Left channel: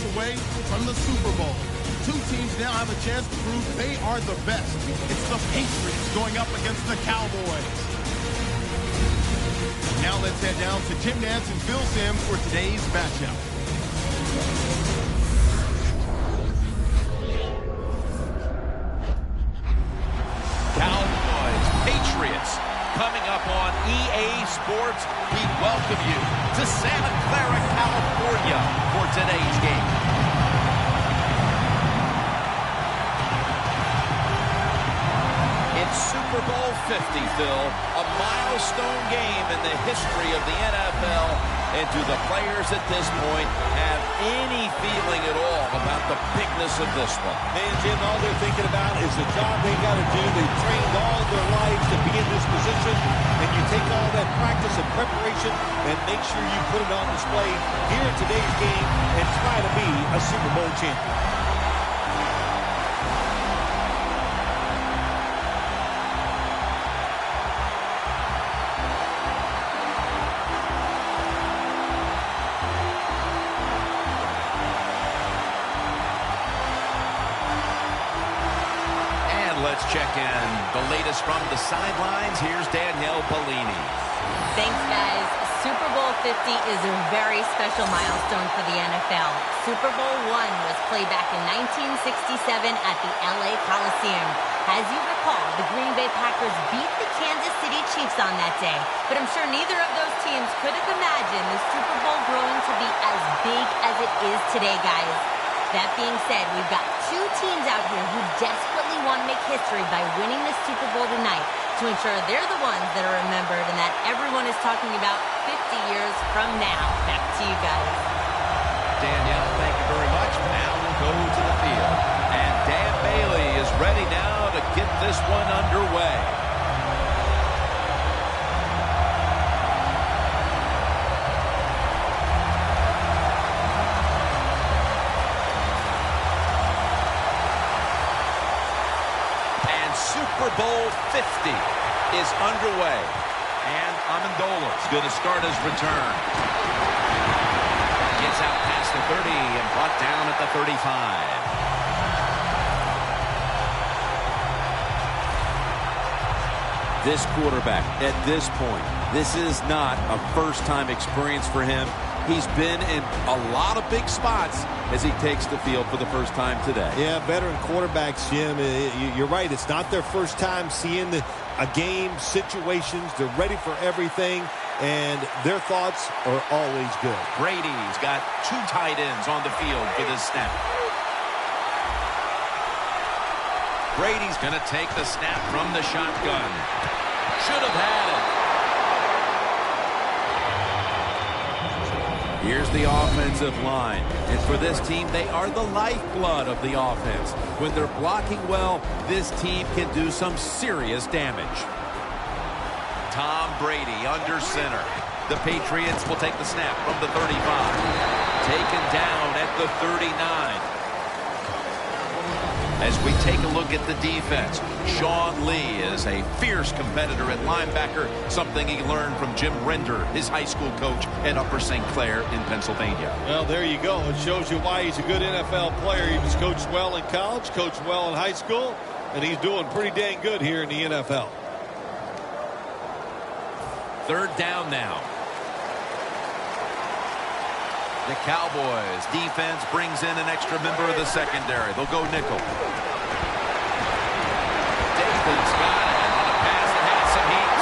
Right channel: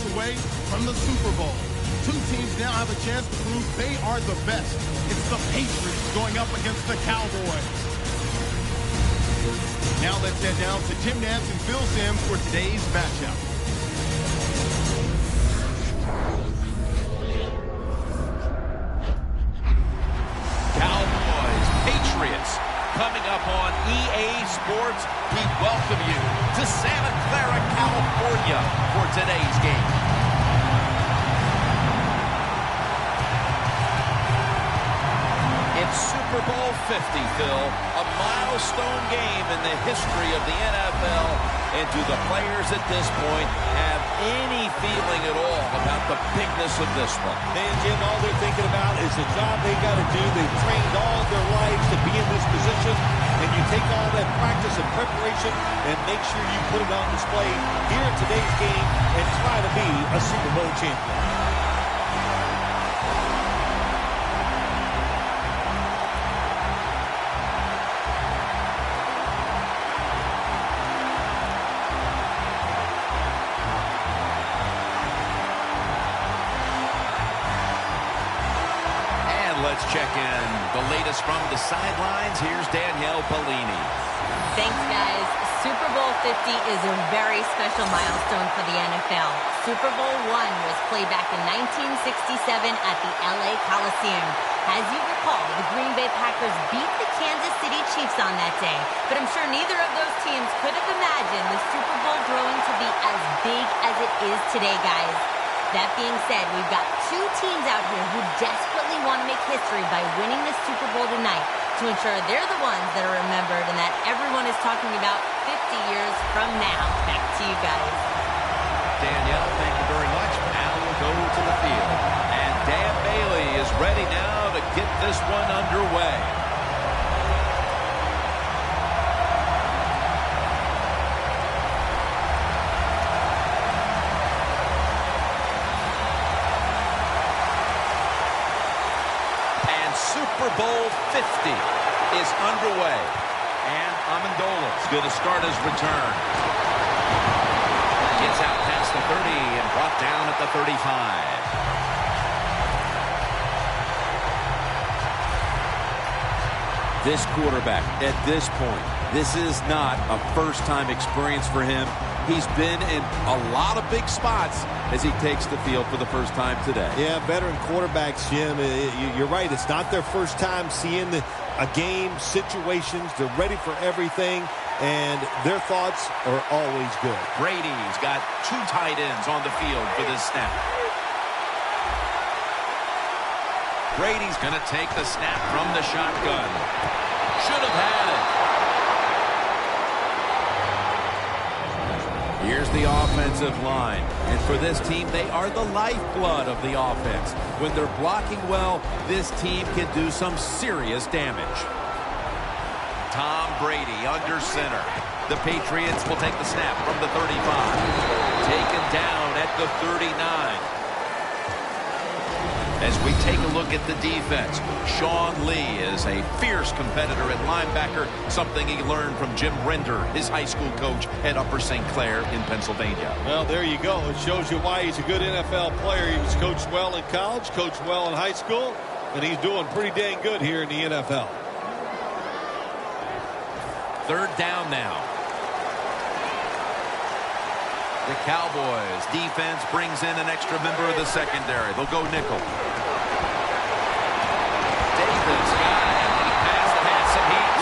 points away from the Super Bowl. Two teams now have a chance to prove they are the best. It's the Patriots going up against the Cowboys. Now let's head down to Jim Nantz and Phil Simms for today's matchup. Cowboys, Patriots, coming up on EA Sports. We welcome you to Santa Clara, California for today's game. It's Super Bowl 50, Phil, a milestone game in the history of the NFL. And do the players at this point have any feeling at all about the bigness of this one? Man, Jim, all they're thinking about is the job they got to do. They've trained all of their lives to be in this position. And you take all that practice and preparation and make sure you put it on display here in today's game and try to be a Super Bowl champion. Let's check in the latest from the sidelines. Here's Danielle Bellini. Thanks, guys. Super Bowl 50 is a very special milestone for the NFL. Super Bowl I was played back in 1967 at the LA Coliseum. As you recall, the Green Bay Packers beat the Kansas City Chiefs on that day. But I'm sure neither of those teams could have imagined the Super Bowl growing to be as big as it is today, guys. That being said, we've got two teams out here who desperately want to make history by winning the Super Bowl tonight to ensure they're the ones that are remembered and that everyone is talking about 50 years from now. Back to you guys. Danielle, thank you very much. Now we'll go to the field. And Dan Bailey is ready now to get this one underway. Super Bowl 50 is underway, and Amendola is going to start his return. Gets out past the 30 and brought down at the 35. This quarterback, at this point, this is not a first-time experience for him. He's been in a lot of big spots as he takes the field for the first time today. Yeah, veteran quarterbacks, Jim, you're right. It's not their first time seeing a game, situations. They're ready for everything, and their thoughts are always good. Brady's got two tight ends on the field for this snap. Brady's going to take the snap from the shotgun. Should have had it. Here's the offensive line. And for this team, they are the lifeblood of the offense. When they're blocking well, this team can do some serious damage. Tom Brady under center. The Patriots will take the snap from the 35. Taken down at the 39. As we take a look at the defense, Sean Lee is a fierce competitor at linebacker, something he learned from Jim Render, his high school coach at Upper St. Clair in Pennsylvania. Well, there you go. It shows you why he's a good NFL player. He was coached well in college, coached well in high school, and he's doing pretty dang good here in the NFL. Third down now. The Cowboys defense brings in an extra member of the secondary. They'll go nickel. Davis got it on a pass that had some heat.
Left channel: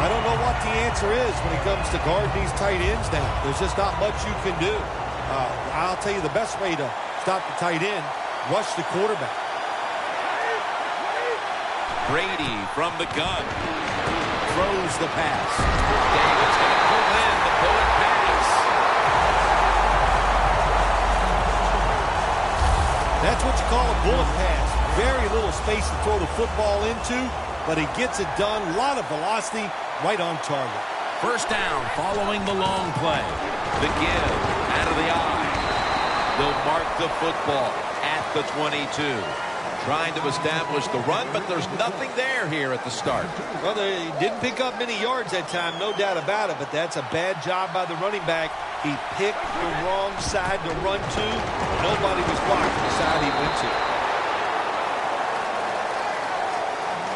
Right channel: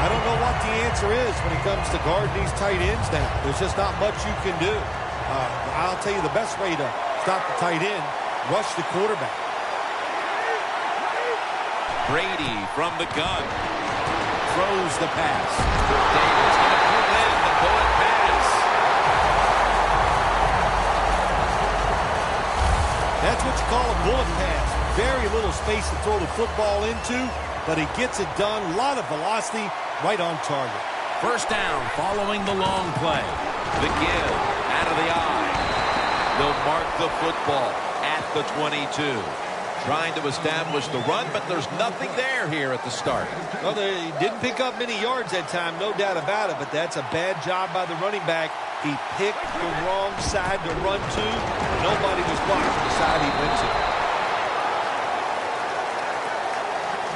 I don't know what the answer is when it comes to guarding these tight ends now. There's just not much you can do. I'll tell you the best way to stop the tight end, rush the quarterback. Brady from the gun. Throws the pass. Davis going to pull in the bullet pass. That's what you call a bullet pass. Very little space to throw the football into, but he gets it done. A lot of velocity, right on target. First down following the long play. The give out of the eye. They'll mark the football at the 22. Trying to establish the run, but there's nothing there here at the start. Well, they didn't pick up many yards that time, no doubt about it, but that's a bad job by the running back. He picked the wrong side to run to. Nobody was blocking the side he went to.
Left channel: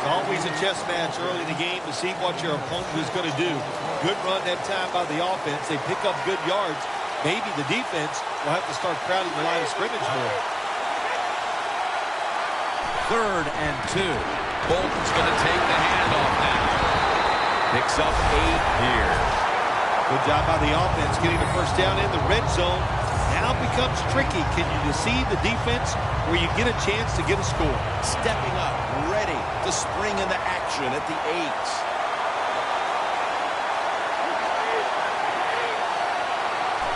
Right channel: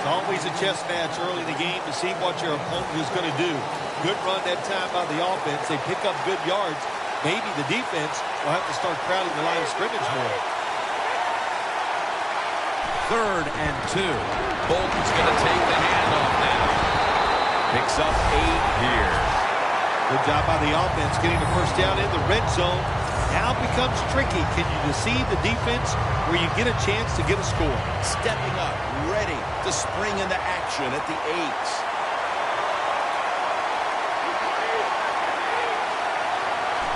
It's always a chess match early in the game to see what your opponent is going to do. Good run that time by the offense. They pick up good yards. Maybe the defense will have to start crowding the line of scrimmage more. 3rd and 2. Bolton's going to take the handoff now. Picks up 8 here. Good job by the offense getting the first down in the red zone. Now it becomes tricky. Can you deceive the defense where you get a chance to get a score? Stepping up, ready to spring into action at the 8.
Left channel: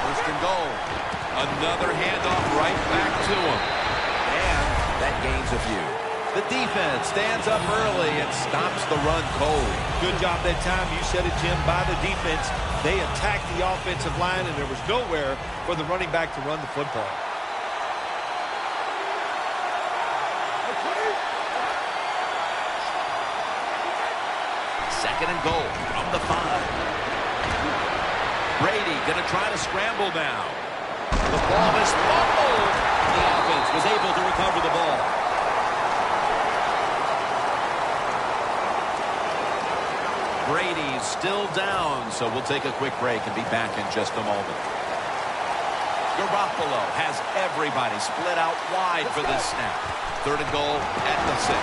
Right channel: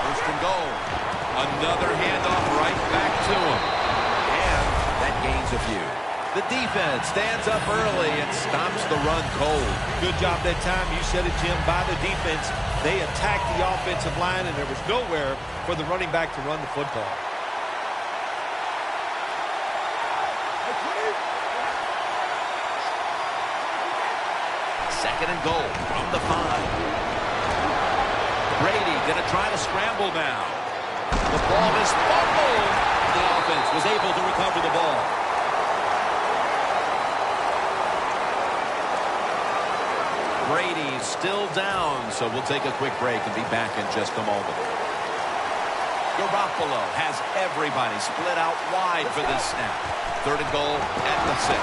First and goal. Another handoff right back to him. And that gains a few. The defense stands up early and stops the run cold. Good job that time. You said it, Jim, by the defense. They attacked the offensive line, and there was nowhere for the running back to run the football. Second and goal from the 5. Brady going to try to scramble now. The ball is fumbled. The offense was able to recover the ball. Brady's still down, so we'll take a quick break and be back in just a moment. Garoppolo has everybody split out wide for this snap. 3rd and goal at the 6.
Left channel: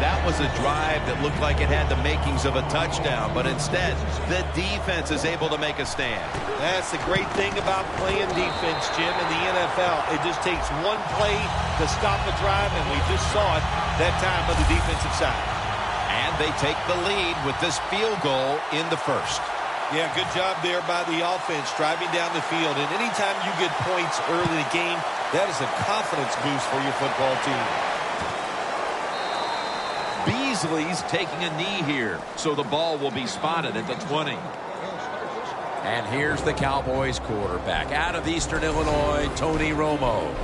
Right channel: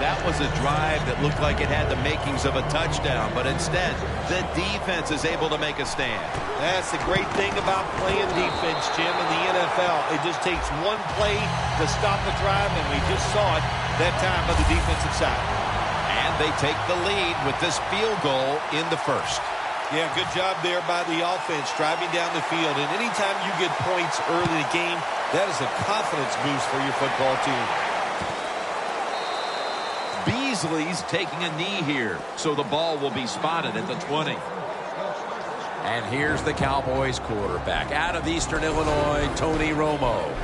That was a drive that looked like it had the makings of a touchdown, but instead, the defense is able to make a stand. That's the great thing about playing defense, Jim, in the NFL. It just takes one play to stop a drive, and we just saw it that time on the defensive side. And they take the lead with this field goal in the 1st. Yeah, good job there by the offense, driving down the field. And anytime you get points early in the game, that is a confidence boost for your football team. Beasley's taking a knee here, so the ball will be spotted at the 20. And here's the Cowboys quarterback out of Eastern Illinois, Tony Romo.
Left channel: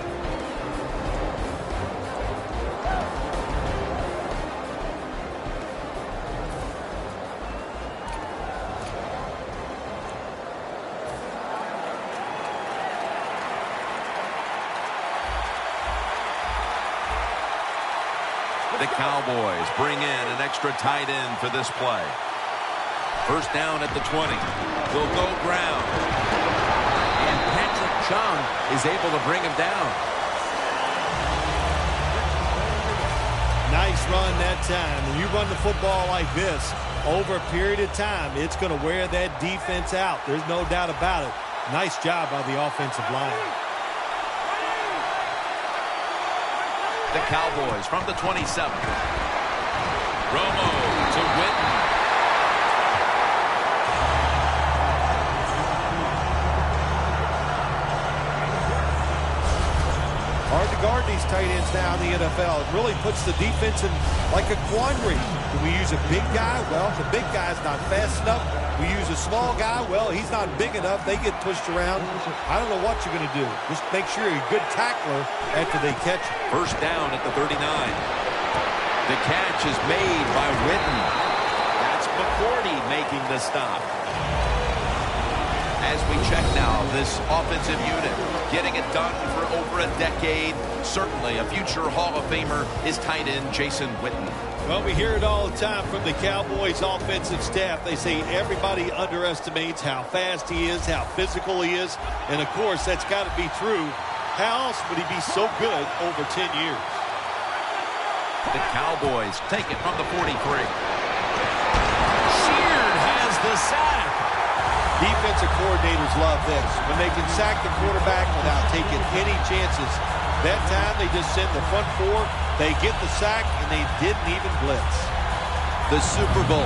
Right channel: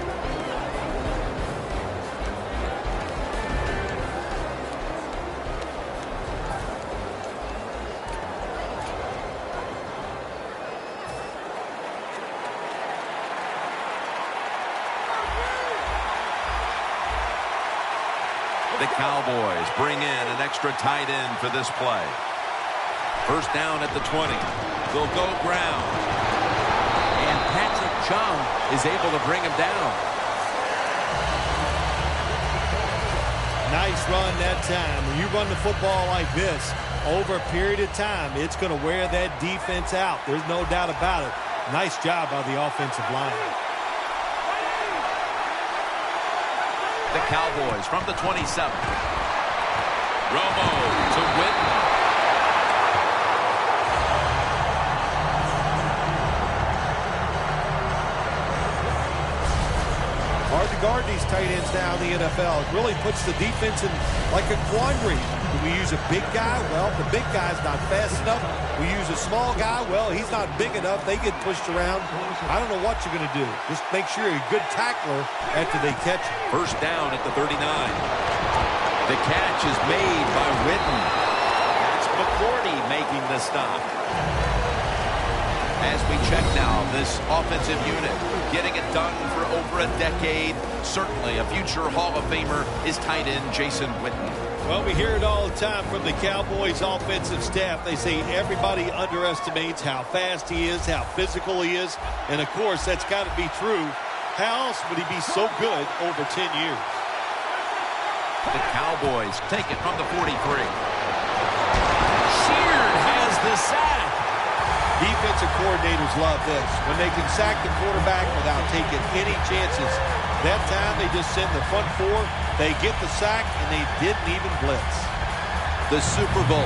The Cowboys bring in an extra tight end for this play. First down at the 20. They'll go ground. And Patrick Chung is able to bring him down. Nice run that time. When you run the football like this, over a period of time, it's going to wear that defense out. There's no doubt about it. Nice job by the offensive line. The Cowboys from the 27. Romo to Witten. Hard to guard these tight ends now in the NFL. It really puts the defense in like a quandary. Do we use a big guy? Well, the big guy's not fast enough. We use a small guy. Well, he's not big enough. They get pushed around. I don't know what you're going to do. Just make sure you're a good tackler after they catch you. First down at the 39. The catch is made by Witten. That's McCourty making the stop. As we check now, this offensive unit getting it done for over a decade. Certainly a future Hall of Famer is tight end Jason Witten. Well, we hear it all the time from the Cowboys offensive staff. They say everybody underestimates how fast he is, how physical he is. And, of course, that's got to be true. How else would he be so good over 10 years? The Cowboys take it from the 43. Sheard has the sack. Defensive coordinators love this. When they can sack the quarterback without taking any chances. That time they just send the front four. They get the sack, and they didn't even blitz. The Super Bowl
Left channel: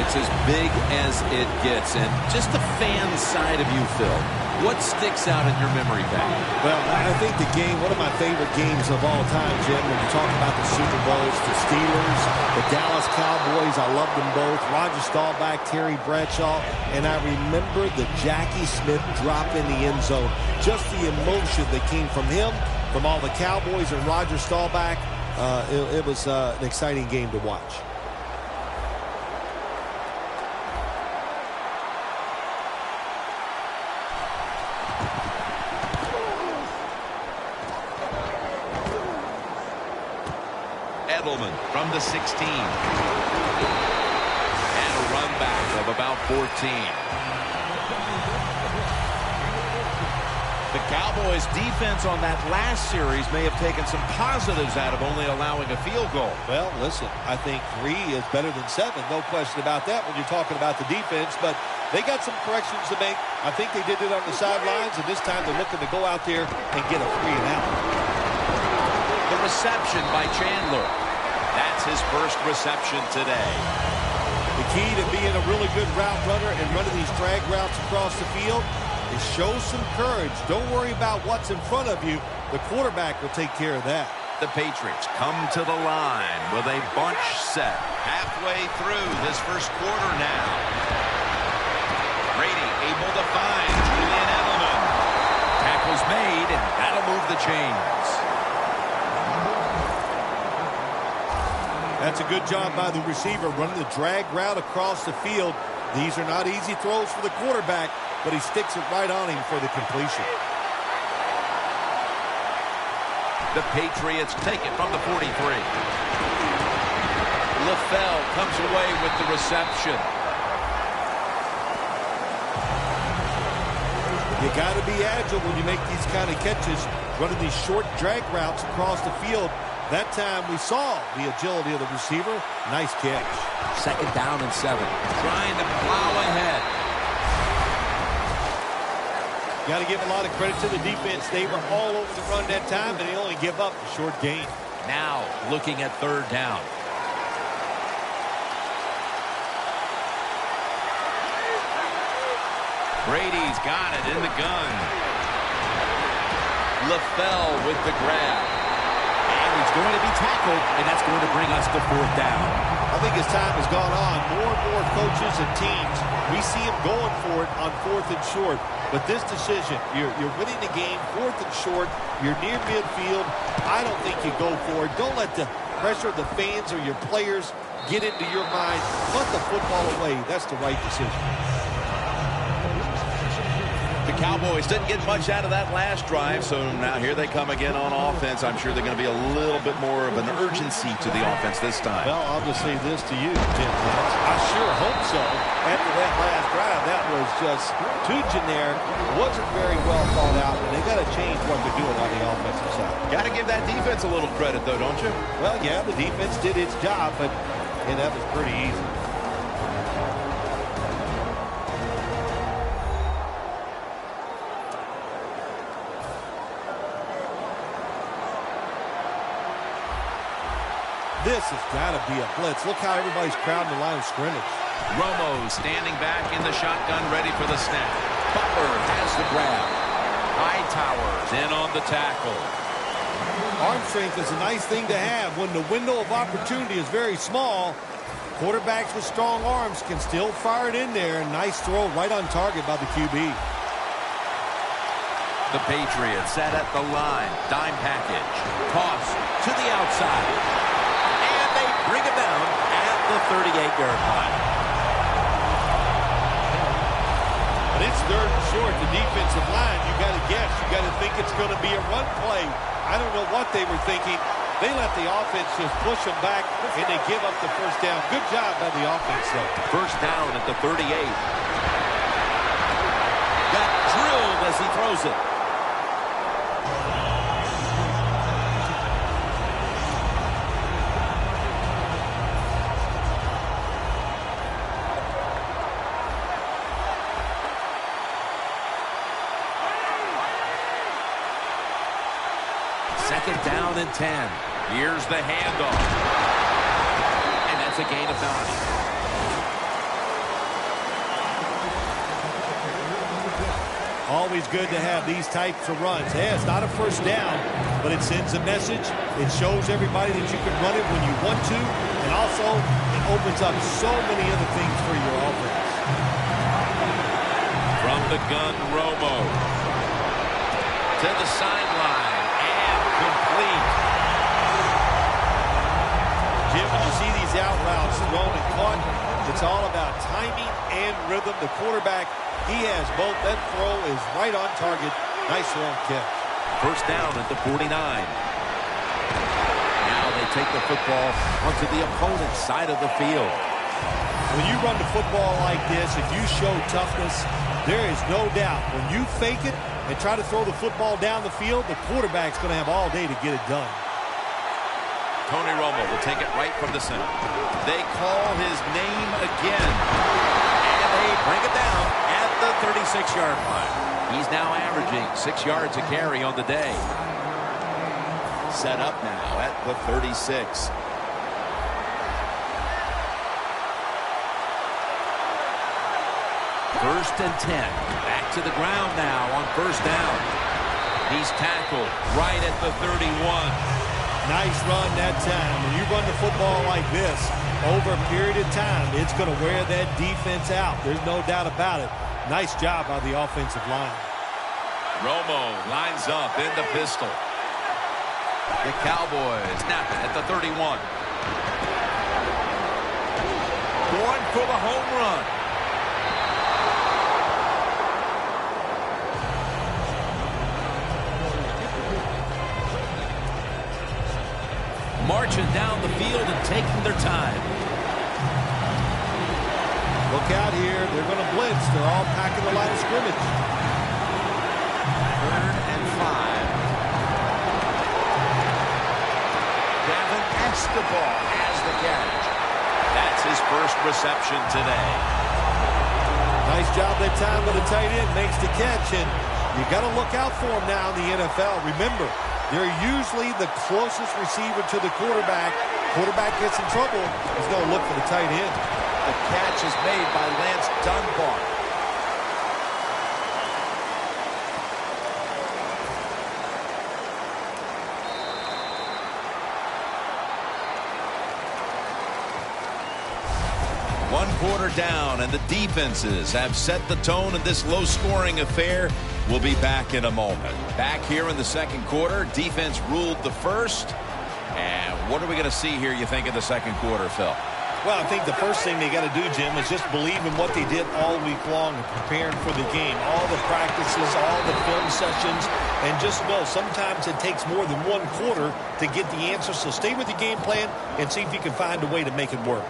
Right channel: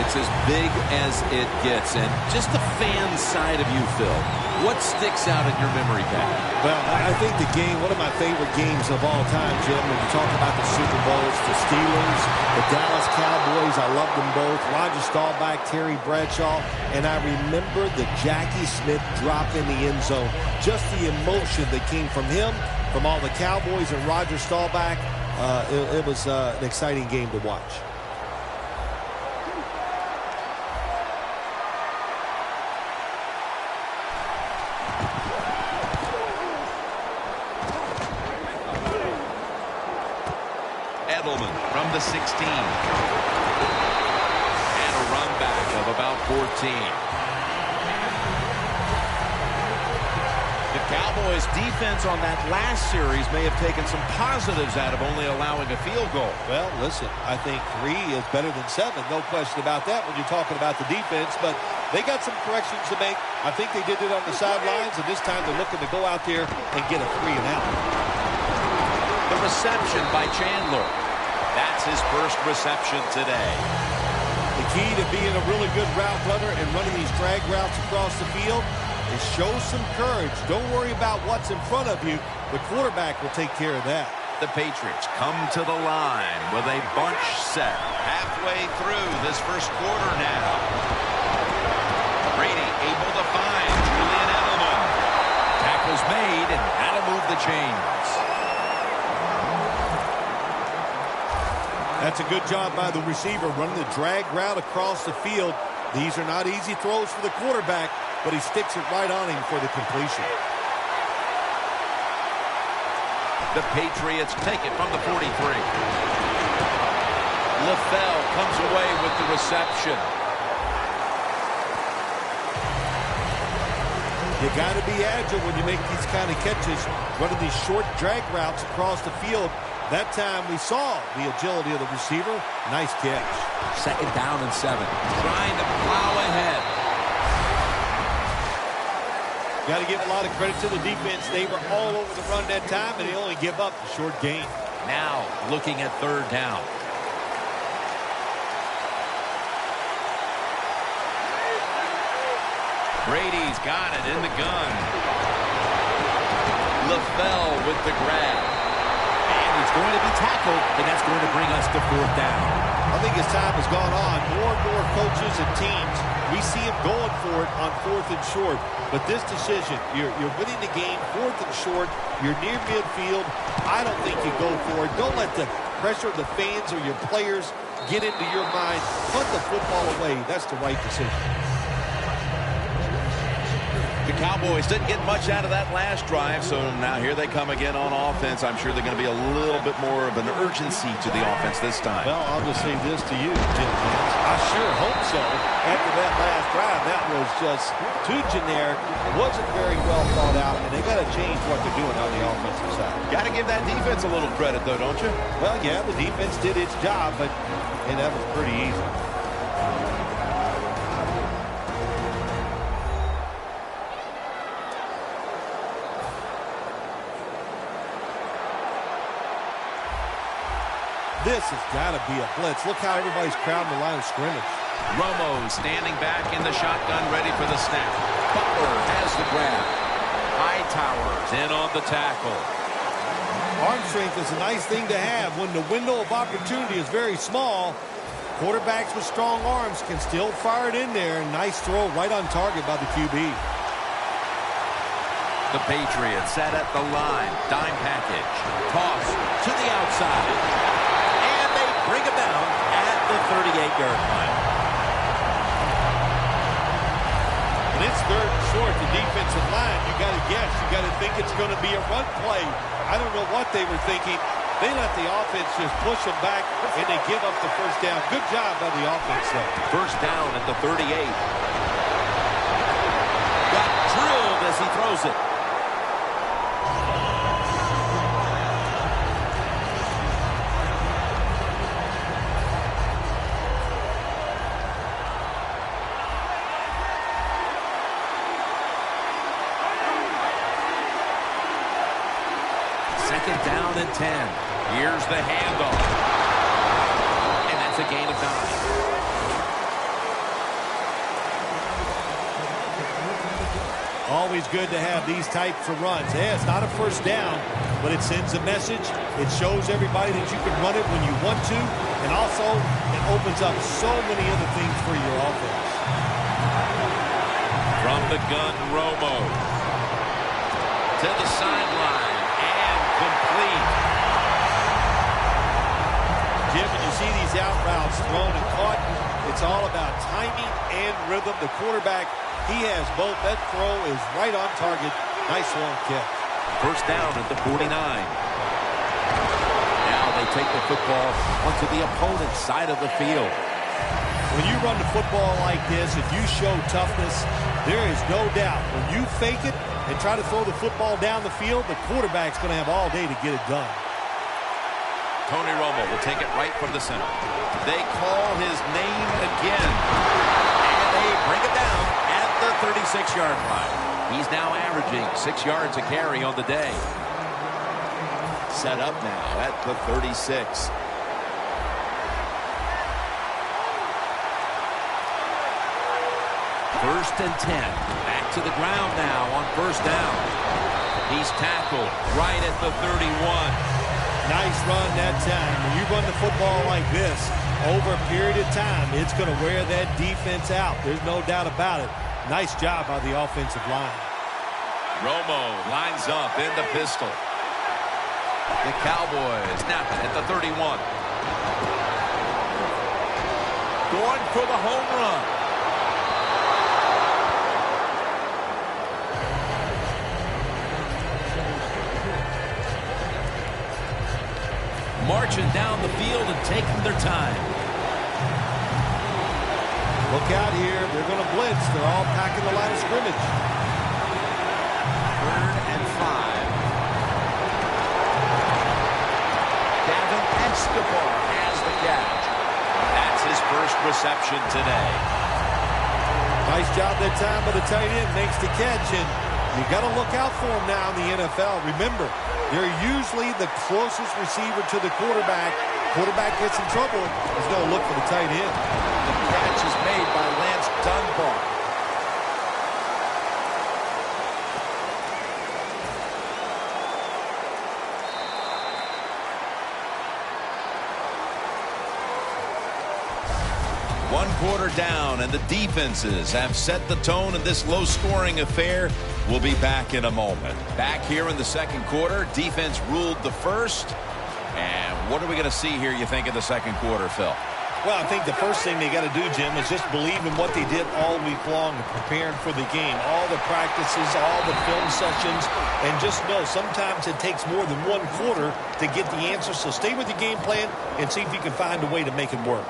It's as big as it gets. And just the fan side of you, Phil, what sticks out in your memory pad? Well, I think the game, one of my favorite games of all time, Jim, when you talk about the Super Bowls, the Steelers, the Dallas Cowboys, I love them both. Roger Staubach, Terry Bradshaw, and I remember the Jackie Smith drop in the end zone. Just the emotion that came from him, from all the Cowboys and Roger Staubach. It was an exciting game to watch. Edelman from the 16. And a run back of about 14. The Cowboys' defense on that last series may have taken some positives out of only allowing a field goal. Well, listen, I think 3 is better than 7. No question about that when you're talking about the defense. But they got some corrections to make. I think they did it on the sidelines, and this time they're looking to go out there and get a 3 and out. The reception by Chandler. That's his first reception today. The key to being a really good route runner and running these drag routes across the field is show some courage. Don't worry about what's in front of you. The quarterback will take care of that. The Patriots come to the line with a bunch set halfway through this first quarter now. Brady able to find Julian Edelman. Tackle's made, and that'll move the chains. That's a good job by the receiver, running the drag route across the field. These are not easy throws for the quarterback, but he sticks it right on him for the completion. The Patriots take it from the 43. LaFell comes away with the reception. You got to be agile when you make these kind of catches, running these short drag routes across the field. That time we saw the agility of the receiver. Nice catch. 2nd down and 7. Trying to plow ahead. Got to give a lot of credit to the defense. They were all over the run that time, but they only give up a short gain. Now looking at 3rd down. Brady's got it in the gun. LaFell with the grab. And he's going to be tackled, and that's going to bring us to 4th down. I think as time has gone on, more and more coaches and teams, we see them going for it on 4th and short. But this decision, you're winning the game, 4th and short, you're near midfield. I don't think you go for it. Don't let the pressure of the fans or your players get into your mind. Put the football away. That's the right decision. The Cowboys didn't get much out of that last drive, so now here they come again on offense. I'm sure they're going to be a little bit more of an urgency to the offense this time. Well, I'll just say this to you, Jim Nance. I sure hope so. After that last drive, that was just too generic. Wasn't very well thought out, and they got to change what they're doing on the offensive side. Got to give that defense a little credit, though, don't you? Well, yeah, the defense did its job, but that was pretty easy. This has got to be a blitz. Look how everybody's crowding the line of scrimmage. Romo standing back in the shotgun, ready for the snap. Butler has the grab. Hightower's in on the tackle. Arm strength is a nice thing to have when the window of opportunity is very small. Quarterbacks with strong arms can still fire it in there. Nice throw right on target by the QB. The Patriots set at the line. Dime package. Toss to the outside. Bring him down at the 38-yard line. When it's 3rd and short, the defensive line, you got to guess. You got to think it's going to be a run play. I don't know what they were thinking. They let the offense just push them back, and they give up the 1st down. Good job by the offense, though. 1st down at the 38. Got drilled as he throws it. Second down and 10. Here's the handoff. And that's a gain of 9. Always good to have these types of runs. Yeah, it's not a first down, but it sends a message. It shows everybody that you can run it when you want to, and also it opens up so many other things for your offense. From the gun, Romo. To the sideline, and complete. Jim, when you see these out routes thrown and caught, it's all about timing and rhythm. The quarterback, he has both. That throw is right on target. Nice long catch. First down at the 49. Now they take the football onto the opponent's side of the field. When you run the football like this, if you show toughness, there is no doubt when you fake it and try to throw the football down the field, the quarterback's going to have all day to get it done. Tony Romo will take it right from the center. They call his name again. And they bring it down at the 36-yard line. He's now averaging 6 yards a carry on the day. Set up now at the 36. First and 10. Back to the ground now on first down. He's tackled right at the 31. Nice run that time. When you run the football like this, over a period of time, it's going to wear that defense out. There's no doubt about it. Nice job by the offensive line. Romo lines up in the pistol. The Cowboys snap it at the 31. Going for the home run. Marching down the field and taking their time. Look out here. They're going to blitz. They're all packing the line of scrimmage. 3rd and 5. Gavin Escobar has the catch. That's his first reception today. Nice job that time by the tight end. Makes the catch, and you got to look out for him now in the NFL. Remember, they're usually the closest receiver to the quarterback. Quarterback gets in trouble, he's going to look for the tight end. The catch is made by Lance Dunbar. One quarter down, and the defenses have set the tone in this low-scoring affair. We'll be back in a moment. Back here in the second quarter, defense ruled the first. And what are we going to see here, you think, in the second quarter, Phil? Well, I think the first thing they got to do, Jim, is just believe in what they did all week long and preparing for the game. All the practices, all the film sessions, and just know sometimes it takes more than one quarter to get the answer. So stay with the game plan and see if you can find a way to make it work.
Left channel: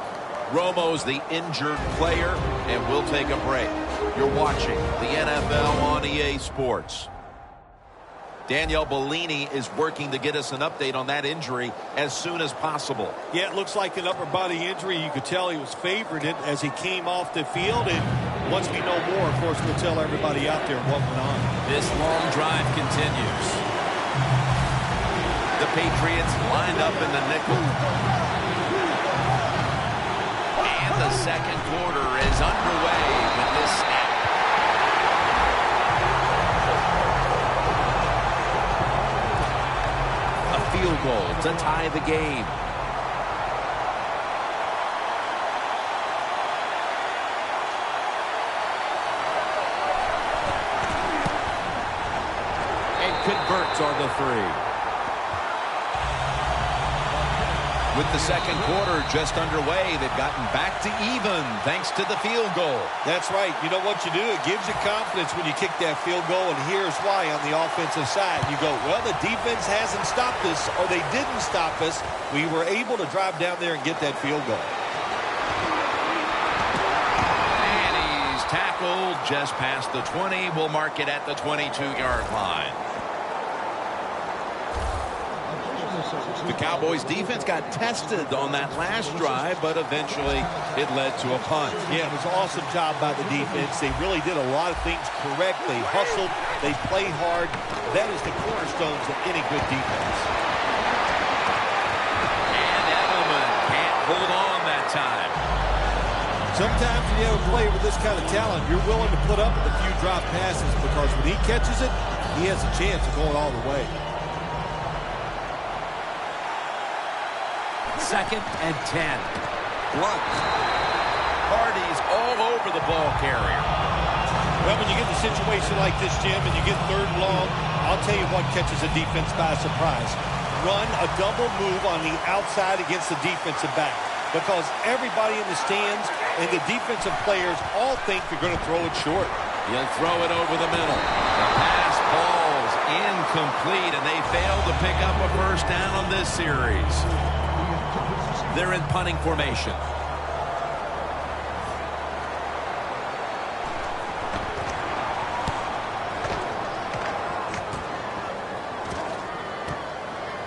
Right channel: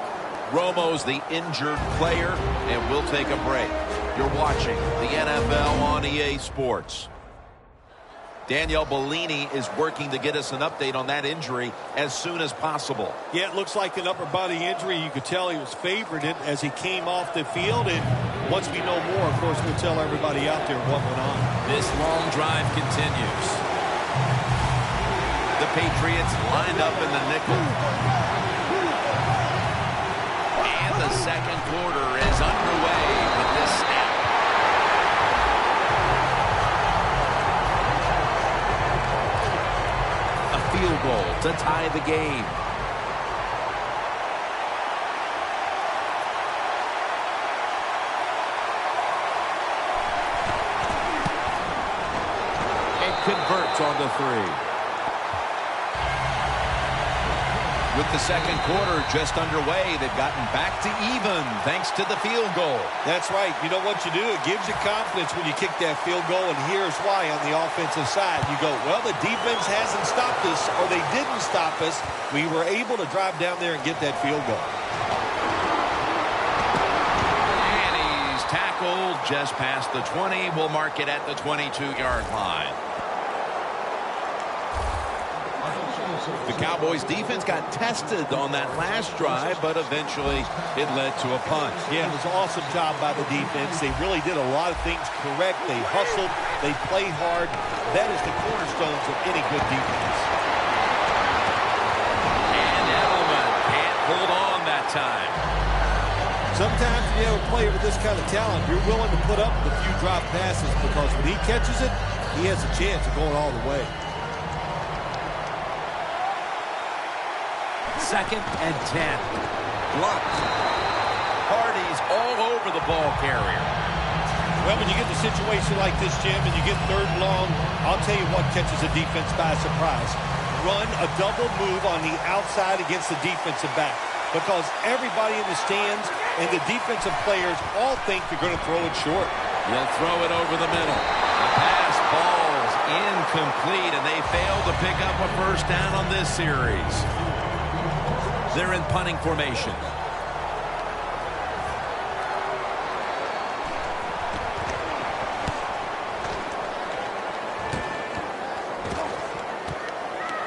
Romo's the injured player, and we'll take a break. You're watching the NFL on EA Sports. Danielle Bellini is working to get us an update on that injury as soon as possible. Yeah, it looks like an upper body injury. You could tell he was favored it as he came off the field. And once we know more, of course, we'll tell everybody out there what went on. This long drive continues. The Patriots lined up in the nickel. And the second quarter is underway with this snap. A field goal to tie the game. And converts on the 3. With the second quarter just underway, they've gotten back to even thanks to the field goal. That's right. You know what you do? It gives you confidence when you kick that field goal, and here's why on the offensive side. You go, well, the defense hasn't stopped us, or they didn't stop us. We were able to drive down there and get that field goal. And he's tackled just past the 20. We'll mark it at the 22-yard line. The Cowboys defense got tested on that last drive, but eventually it led to a punt. Yeah, it was an awesome job by the defense. They really did a lot of things correct. They hustled. They played hard. That is the cornerstones of any good defense. And Edelman can't hold on that time. Sometimes when you have a player with this kind of talent, you're willing to put up with a few drop passes because when he catches it, he has a chance of going all the way. 2nd and 10. Blunt. Hardy's all over the ball carrier. Well, when you get in a situation like this, Jim, and you get 3rd and long, I'll tell you what catches a defense by surprise. Run a double move on the outside against the defensive back, because everybody in the stands and the defensive players all think you're going to throw it short. He'll throw it over the middle. The pass falls incomplete, and they fail to pick up a 1st down on this series. They're in punting formation.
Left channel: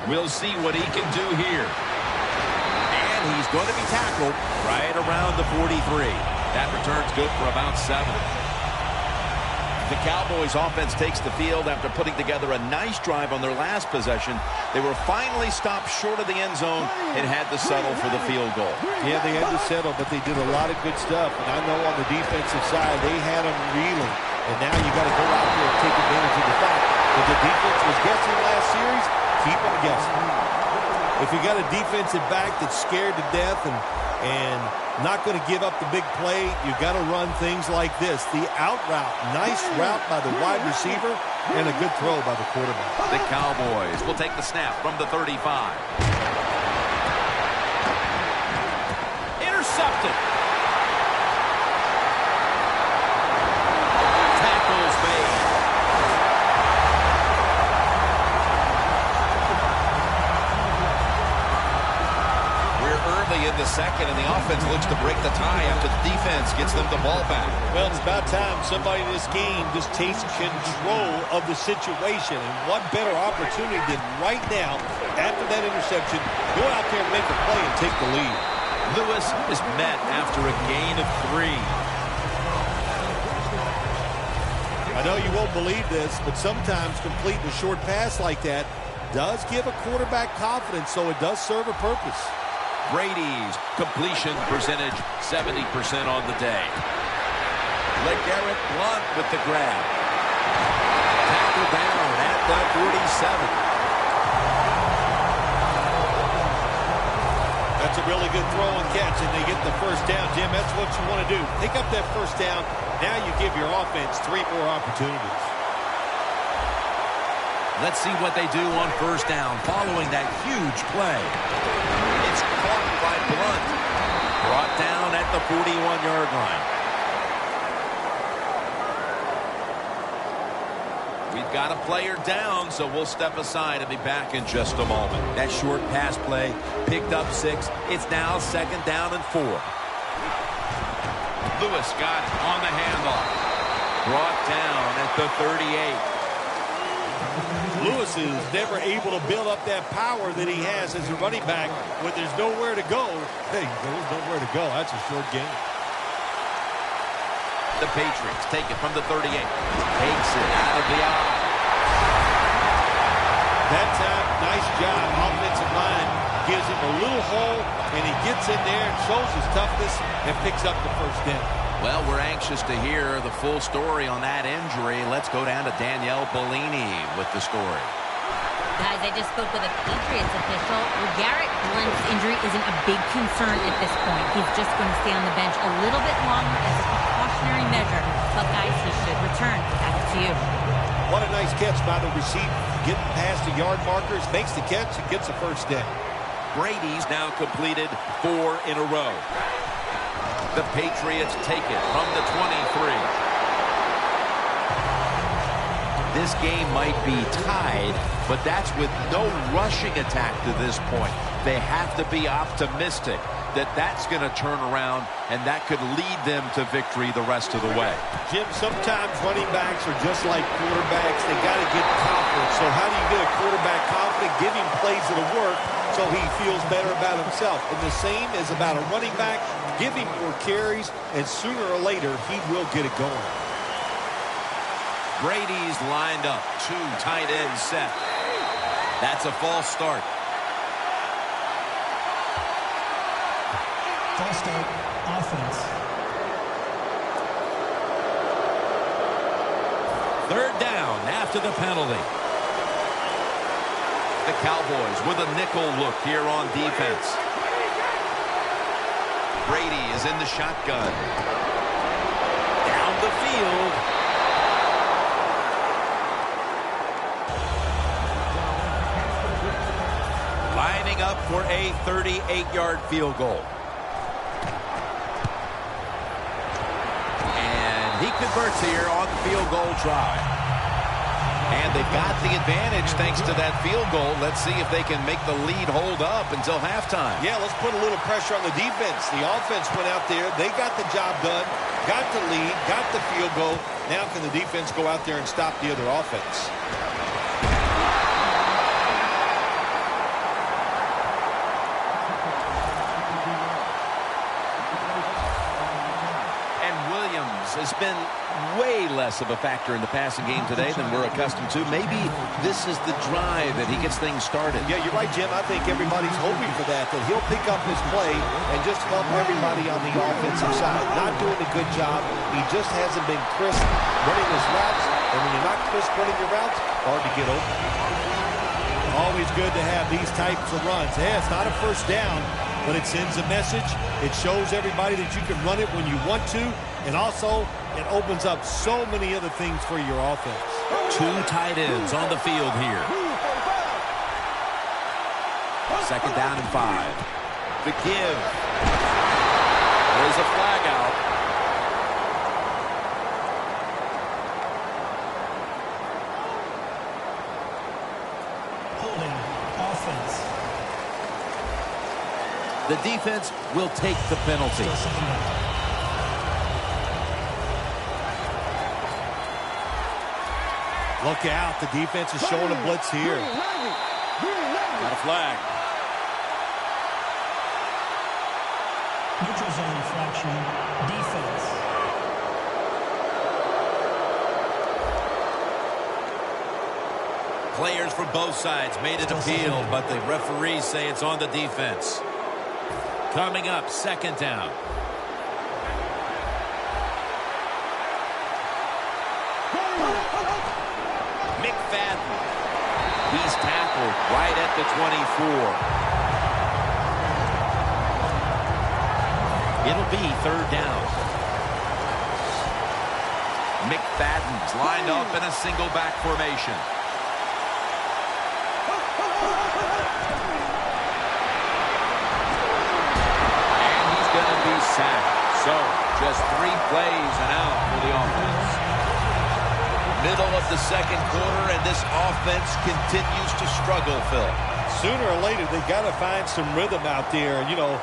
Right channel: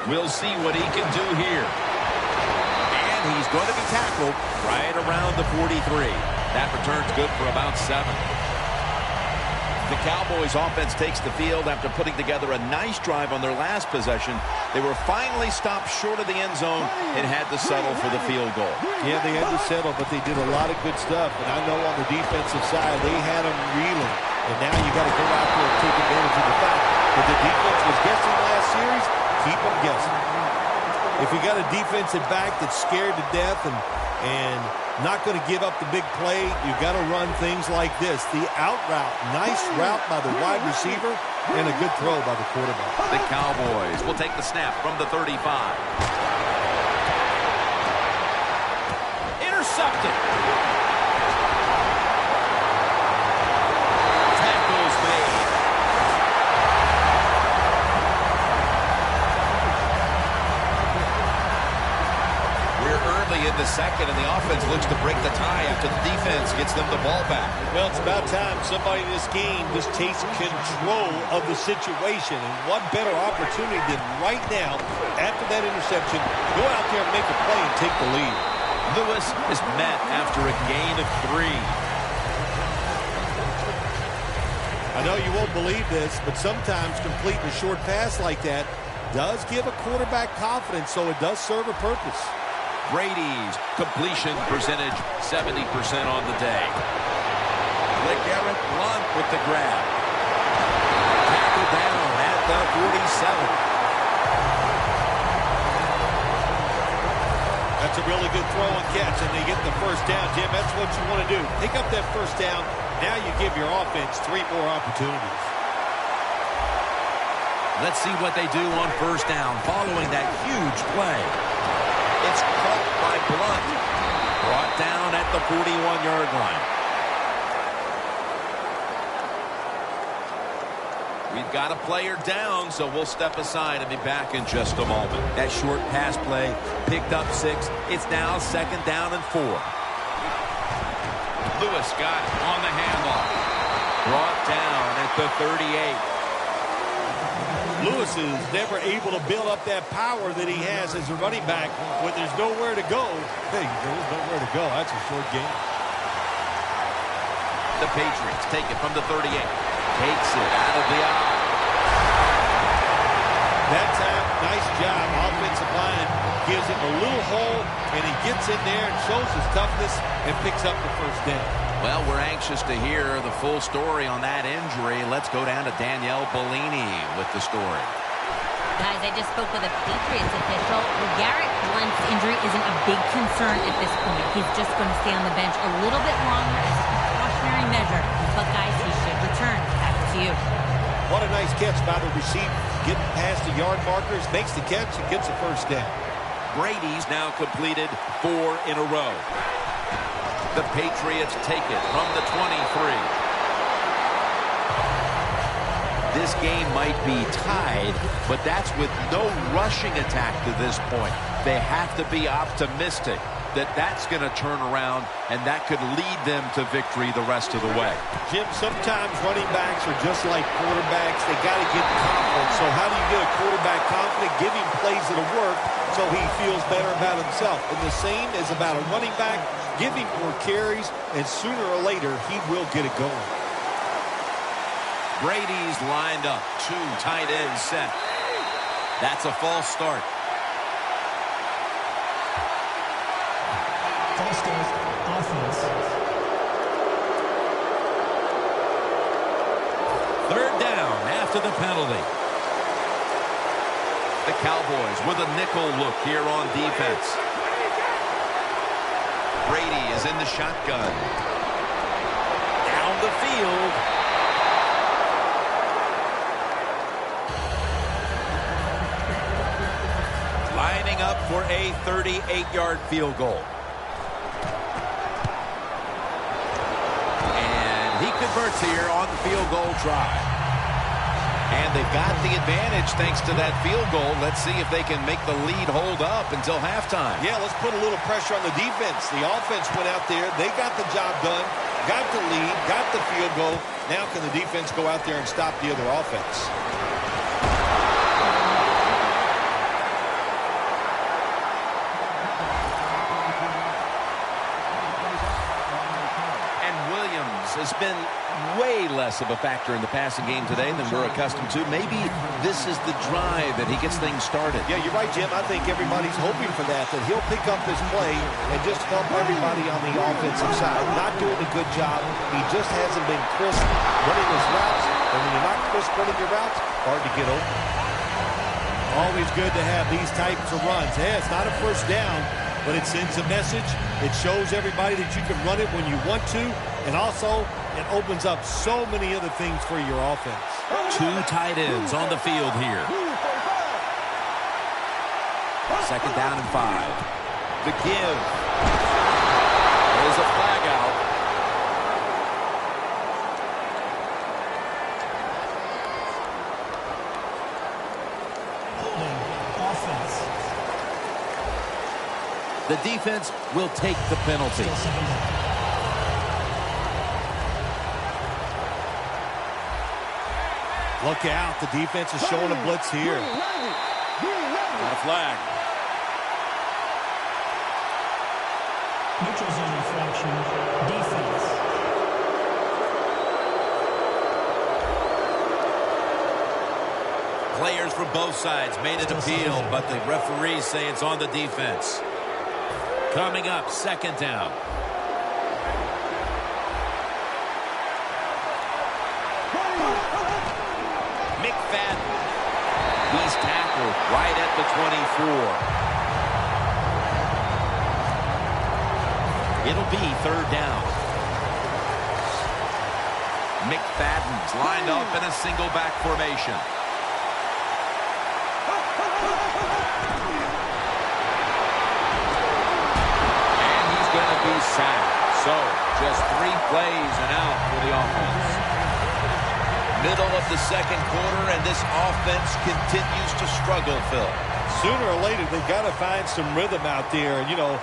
We'll see what he can do here. And he's going to be tackled right around the 43. That return's good for about 7. The Cowboys offense takes the field after putting together a nice drive on their last possession. They were finally stopped short of the end zone and had to settle for the field goal. Yeah, they had to settle, but they did a lot of good stuff. And I know on the defensive side, they had them reeling. And now you got to go out there and take advantage of the fact that the defense was guessing last series. Keep them guessing. If you got a defensive back that's scared to death and not going to give up the big play, you got to run things like this. The out route, nice route by the wide receiver, and a good throw by the quarterback. The Cowboys will take the snap from the 35. Intercepted. Tackles made. Early in the 2nd, and the offense looks to break the tie after the defense gets them the ball back. Well, it's about time somebody in this game just takes control of the situation. And what better opportunity than right now, after that interception, go out there and make a play and take the lead. Lewis is met after a gain of 3. I know you won't believe this, but sometimes completing a short pass like that does give a quarterback confidence, so it does serve a purpose. Brady's completion percentage 70% on the day. LeGarrette Blount with the grab. Tackled down at the 47. That's a really good throw and catch, and they get the 1st down. Jim, that's what you want to do. Pick up that 1st down. Now you give your offense 3 more opportunities. Let's see what they do on 1st down following that huge play. It's caught by Blount. Brought down at the 41-yard line. We've got a player down, so we'll step aside and be back in just a moment. That short pass play picked up 6. It's now 2nd down and 4. Lewis got it on the handoff. Brought down at the 38. Lewis is never able to build up that power that he has as a running back when there's nowhere to go. Hey, there's nowhere to go. That's a short game. The Patriots take it from the 38. Takes it out of the eye. That time, nice job. Offensive line gives him a little hole, and he gets in there and shows his toughness and picks up the 1st down. Well, we're anxious to hear the full story on that injury. Let's go down to Danielle Bellini with the story. Guys, I just spoke with a Patriots official. LeGarrette Blount's injury isn't a big concern at this point. He's just going to stay on the bench a little bit longer as a precautionary measure. But, guys, he should return. Back to you. What a nice catch by the receiver. Getting past the yard markers, makes the catch, and gets a 1st down. Brady's now completed 4 in a row. The Patriots take it from the 23. This game might be tied, but that's with no rushing attack to this point. They have to be optimistic that that's going to turn around, and that could lead them to victory the rest of the way. Jim, sometimes running backs are just like quarterbacks. They got to get confident. So how do you get a quarterback confident? Give him plays that'll work so he feels better about himself. And the same is about a running back. Give him more carries, and sooner or later, he will get it going. Brady's lined up. 2 tight ends set. That's a false start. False start. offense. Third down after the penalty. The Cowboys with a nickel look here on defense. Brady is in the shotgun. Down the field. Lining up for a 38-yard field goal. And he converts here on the field goal try. And they've got the advantage thanks to that field goal. Let's see if they can make the lead hold up until halftime. Yeah, let's put a little pressure on the defense. The offense went out there. They got the job done, got the lead, got the field goal. Now can the defense go out there and stop the other offense? Has been way less of a factor in the passing game today than we're accustomed to. Maybe this is the drive that he gets things started. Yeah, you're right, Jim. I think everybody's hoping for that he'll pick up this play and just help everybody on the offensive side. Not doing a good job. He just hasn't been crisp running his routes. And when you're not crisp running your routes, hard to get open. Always good to have these types of runs. Yeah, it's not a first down, but it sends a message. It shows everybody that you can run it when you want to. And also, it opens up so many other things for your offense. Two tight ends on the field here. Second down and 5. The give. There's a flag out. Holding offense. The defense will take the penalty. Still second down. Look out. The defense is showing a blitz here. Got a flag. Neutral zone infraction. Defense. Players from both sides made an appeal, but the referees say it's on the defense. Coming up, second down. McFadden. He's tackled right at the 24. It'll be third down. McFadden's lined up in a single back formation. And he's going to be sacked. So, just 3 plays and out for the offense. Middle of the second quarter, and this offense continues to struggle, Phil. Sooner or later, they've got to find some rhythm out there. And, you know,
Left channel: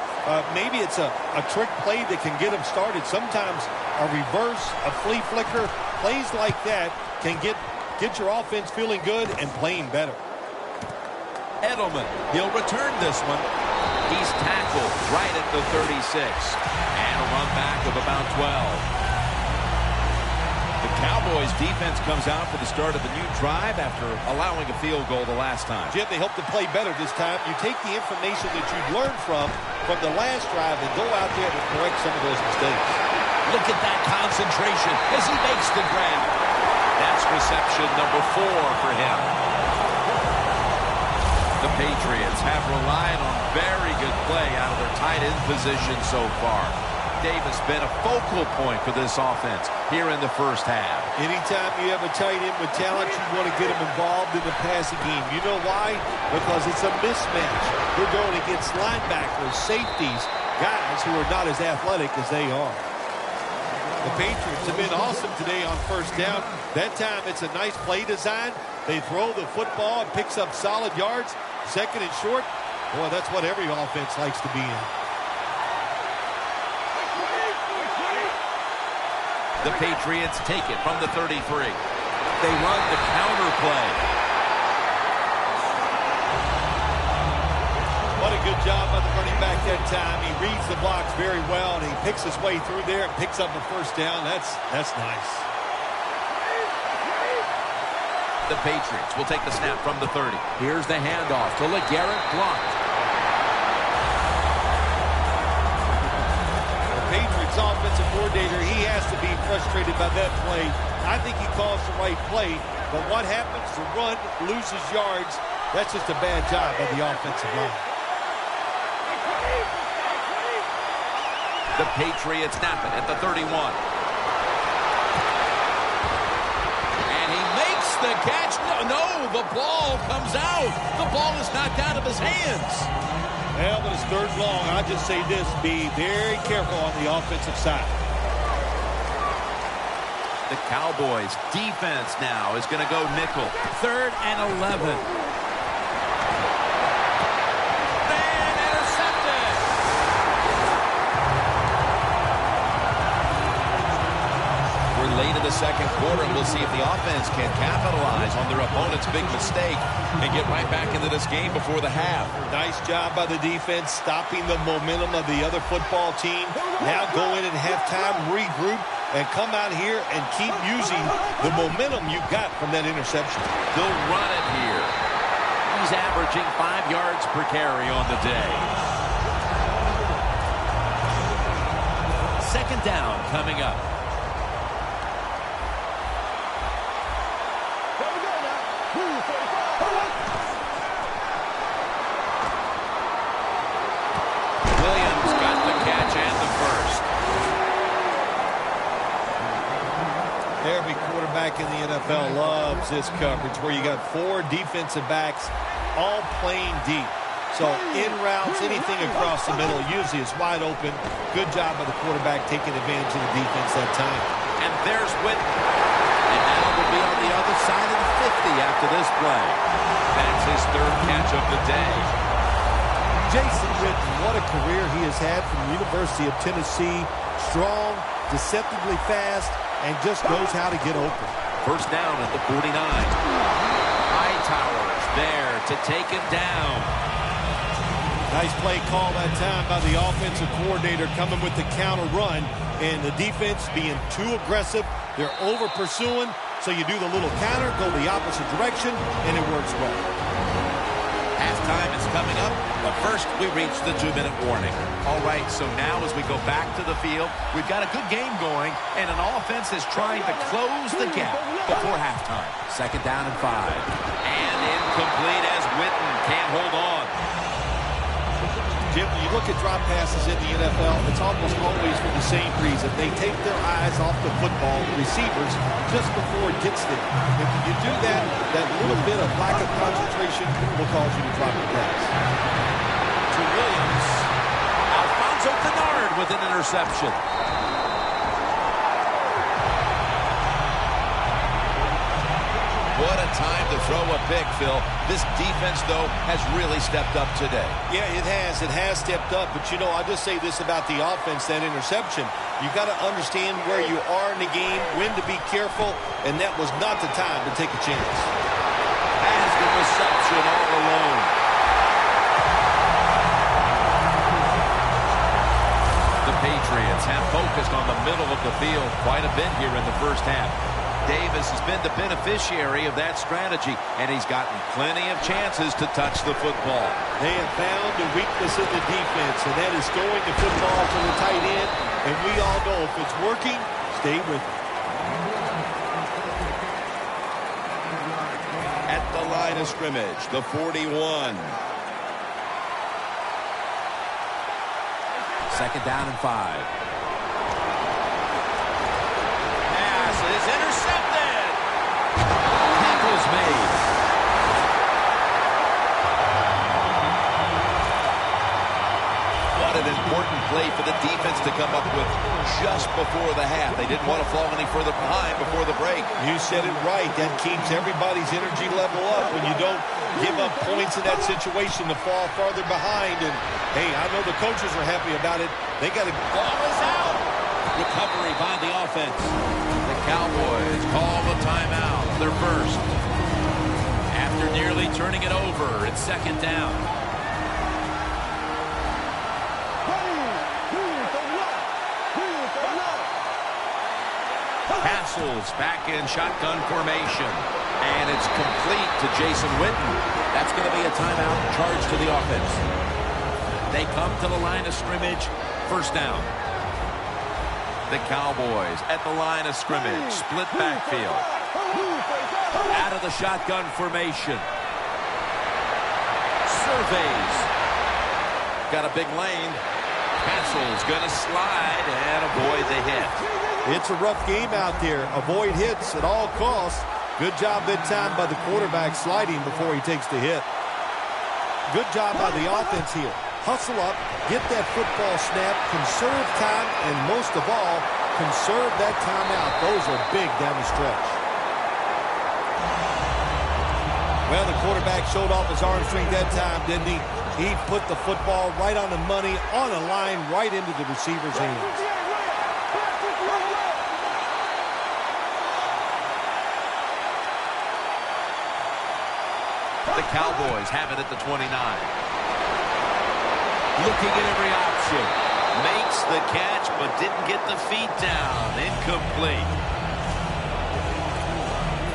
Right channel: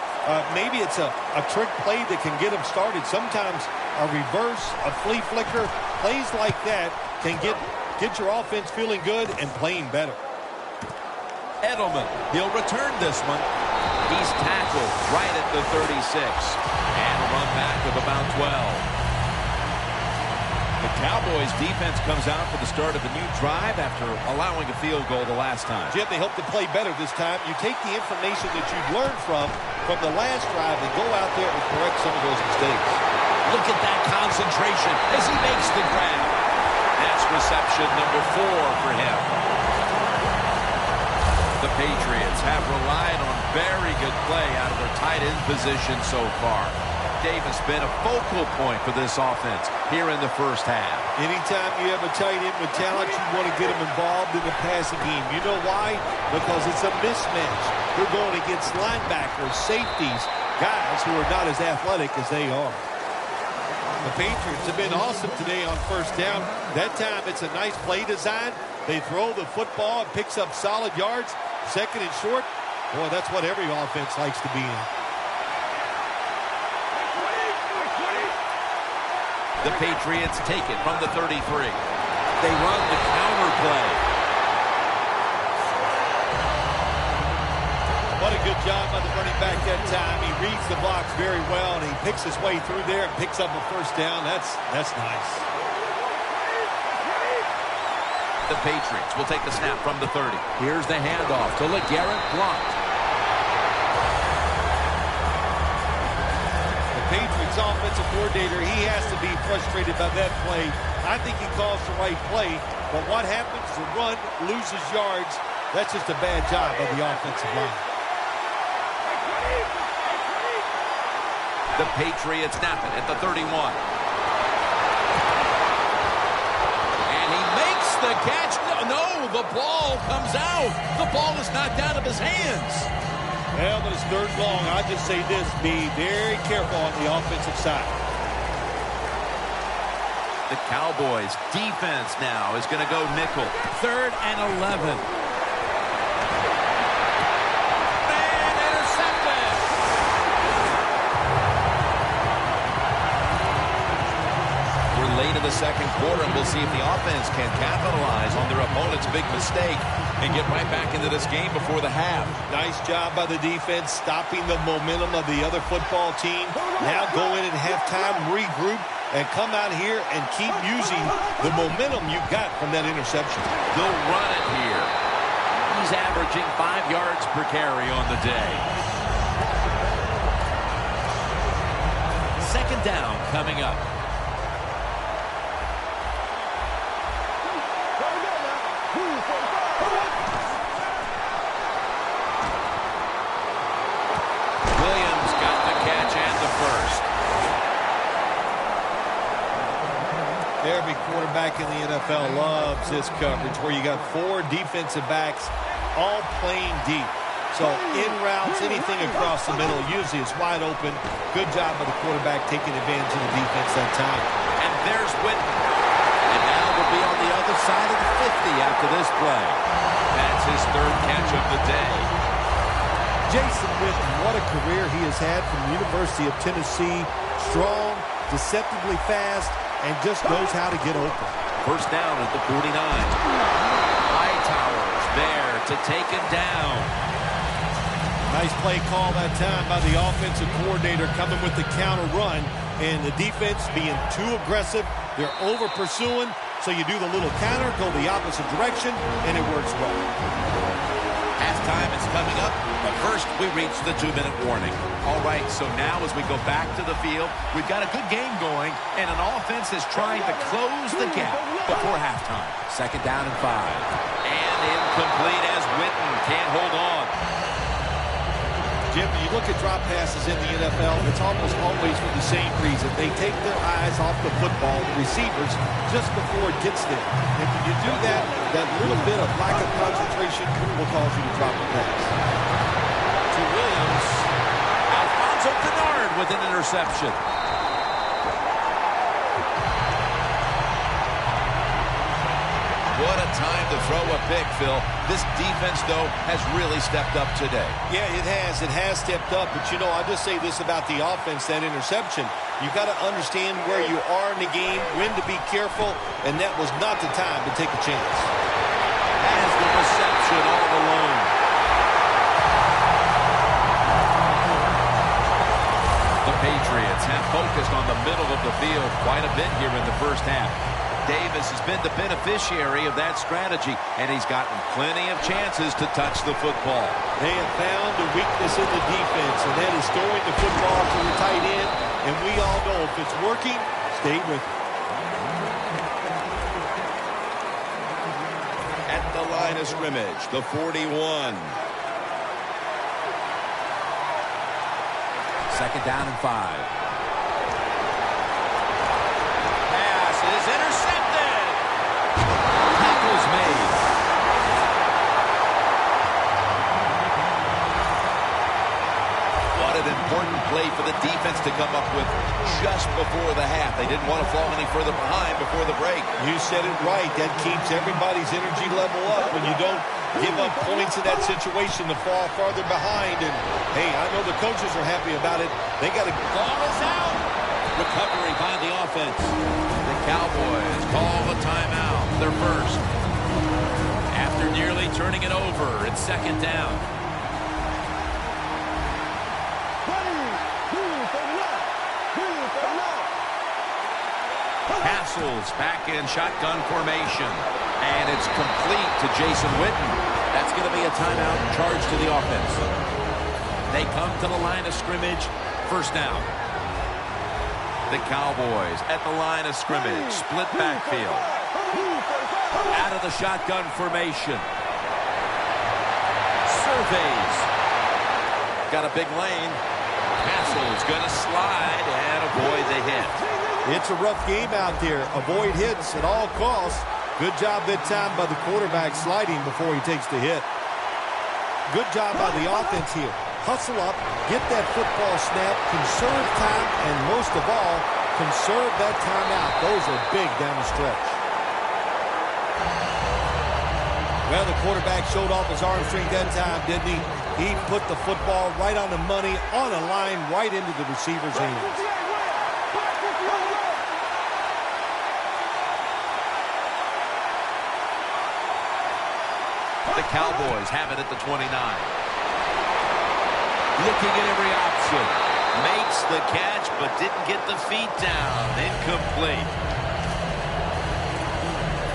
maybe it's a trick play that can get them started. Sometimes a reverse, a flea flicker, plays like that can get your offense feeling good and playing better. Edelman, he'll return this one. He's tackled right at the 36. And a run back of about 12. The Cowboys defense comes out for the start of a new drive after allowing a field goal the last time. Jim, they hope to play better this time. You take the information that you've learned from the last drive and go out there and correct some of those mistakes. Look at that concentration as he makes the grab. That's reception number 4 for him. The Patriots have relied on very good play out of their tight end position so far. Davis been a focal point for this offense here in the first half. Anytime you have a tight end with talent, you want to get them involved in the passing game. You know why? Because it's a mismatch. They're going against linebackers, safeties, guys who are not as athletic as they are. The Patriots have been awesome today on first down. That time it's a nice play design. They throw the football, it picks up solid yards. Second and short, boy, that's what every offense likes to be in. The Patriots take it from the 33. They run the counter play. What a good job by the running back that time. He reads the blocks very well, and he picks his way through there and picks up a first down. That's nice. The Patriots will take the snap from the 30. Here's the handoff to LeGarrette Blount. Patriots offensive coordinator, he has to be frustrated by that play. I think he calls the right play, but what happens? The run loses yards. That's just a bad job by the offensive line. The Patriots snap it at the 31. And he makes the catch. No, the ball comes out. The ball is knocked out of his hands. Well, but it's third long. I just say this, be very careful on the offensive side. The Cowboys defense now is going to go nickel. 3rd and 11. And intercepted. We're late in the second quarter, and we'll see if the offense can capitalize on their opponent's big mistake and get right back into this game before the half. Nice job by the defense, stopping the momentum of the other football team. Now go in at halftime, regroup, and come out here and keep using the momentum you got from that interception. They'll run it here. He's averaging 5 yards per carry on the day. 2nd down coming up. Williams got the catch and the first. Every quarterback in the NFL loves this coverage where you got 4 defensive backs all playing deep. So in routes, anything across the middle usually is wide open. Good job by the quarterback taking advantage of the defense that time. And there's Whitten. And now they'll be on the other side of the 50 after this play. That's his 3rd catch of the day. Jason Witten, what a career he has had from the University of Tennessee. Strong, deceptively fast, and just knows how to get open. 1st down at the 49. Hightower's there to take him down. Nice play call that time by the offensive coordinator coming with the counter run, and the defense being too aggressive. They're over pursuing, so you do the little counter, go the opposite direction, and it works well. Halftime is coming up, but first we reach the 2-minute warning. All right, so now as we go back to the field, we've got a good game going, and an offense is trying to close the gap before halftime. 2nd down and 5. And incomplete as Whitten can't hold on. Jim, when you look at drop passes in the NFL, it's almost always for the same reason. They take their eyes off the football, the receivers, just before it gets there. And when you do that, that little bit of lack of concentration will cause you to drop the pass. To Williams. Alfonso Kennard with an interception. What a time to throw a pick, Phil. This defense, though, has really stepped up today. Yeah, it has. It has stepped up. But, you know, I'll just say this about the offense, that interception. You got to understand where you are in the game, when to be careful, and that was not the time to take a chance. Has the reception all alone. The Patriots have focused on the middle of the field quite a bit here in the first half. Davis has been the beneficiary of that strategy, and he's gotten plenty of chances to touch the football. They have found a weakness in the defense, and that is throwing the football to the tight end. And we all know if it's working, stay with it. At the line of scrimmage, the 41. 2nd down and 5. Is intercepted. Tackle's made. What an important play for the defense to come up with just before the half. They didn't want to fall any further behind before the break. You said it right. That keeps everybody's energy level up when you don't give up points in that situation to fall farther behind. And, hey, I know the coaches are happy about it. They got to... Ball is out. Recovery by the offense. The Cowboys call the timeout, their first. After nearly turning it over, it's 2nd down. Castles back in shotgun formation. And it's complete to Jason Witten. That's going to be a timeout charged to the offense. They come to the line of scrimmage, 1st down. The Cowboys at the line of scrimmage. Split backfield. Out of the shotgun formation. Surveys. Got a big lane. Castle's going to slide and avoid the hit. It's a rough game out there. Avoid hits at all costs. Good job that time by the quarterback sliding before he takes the hit. Good job by the offense here. Hustle up, get that football snap, conserve time, and most of all, conserve that timeout. Those are big down the stretch. Well, the quarterback showed off his arm strength that time, didn't he? He put the football right on the money, on a line, right into the receiver's hands. The Cowboys have it at the 29. Looking at every option. Makes the catch, but didn't get the feet down. Incomplete.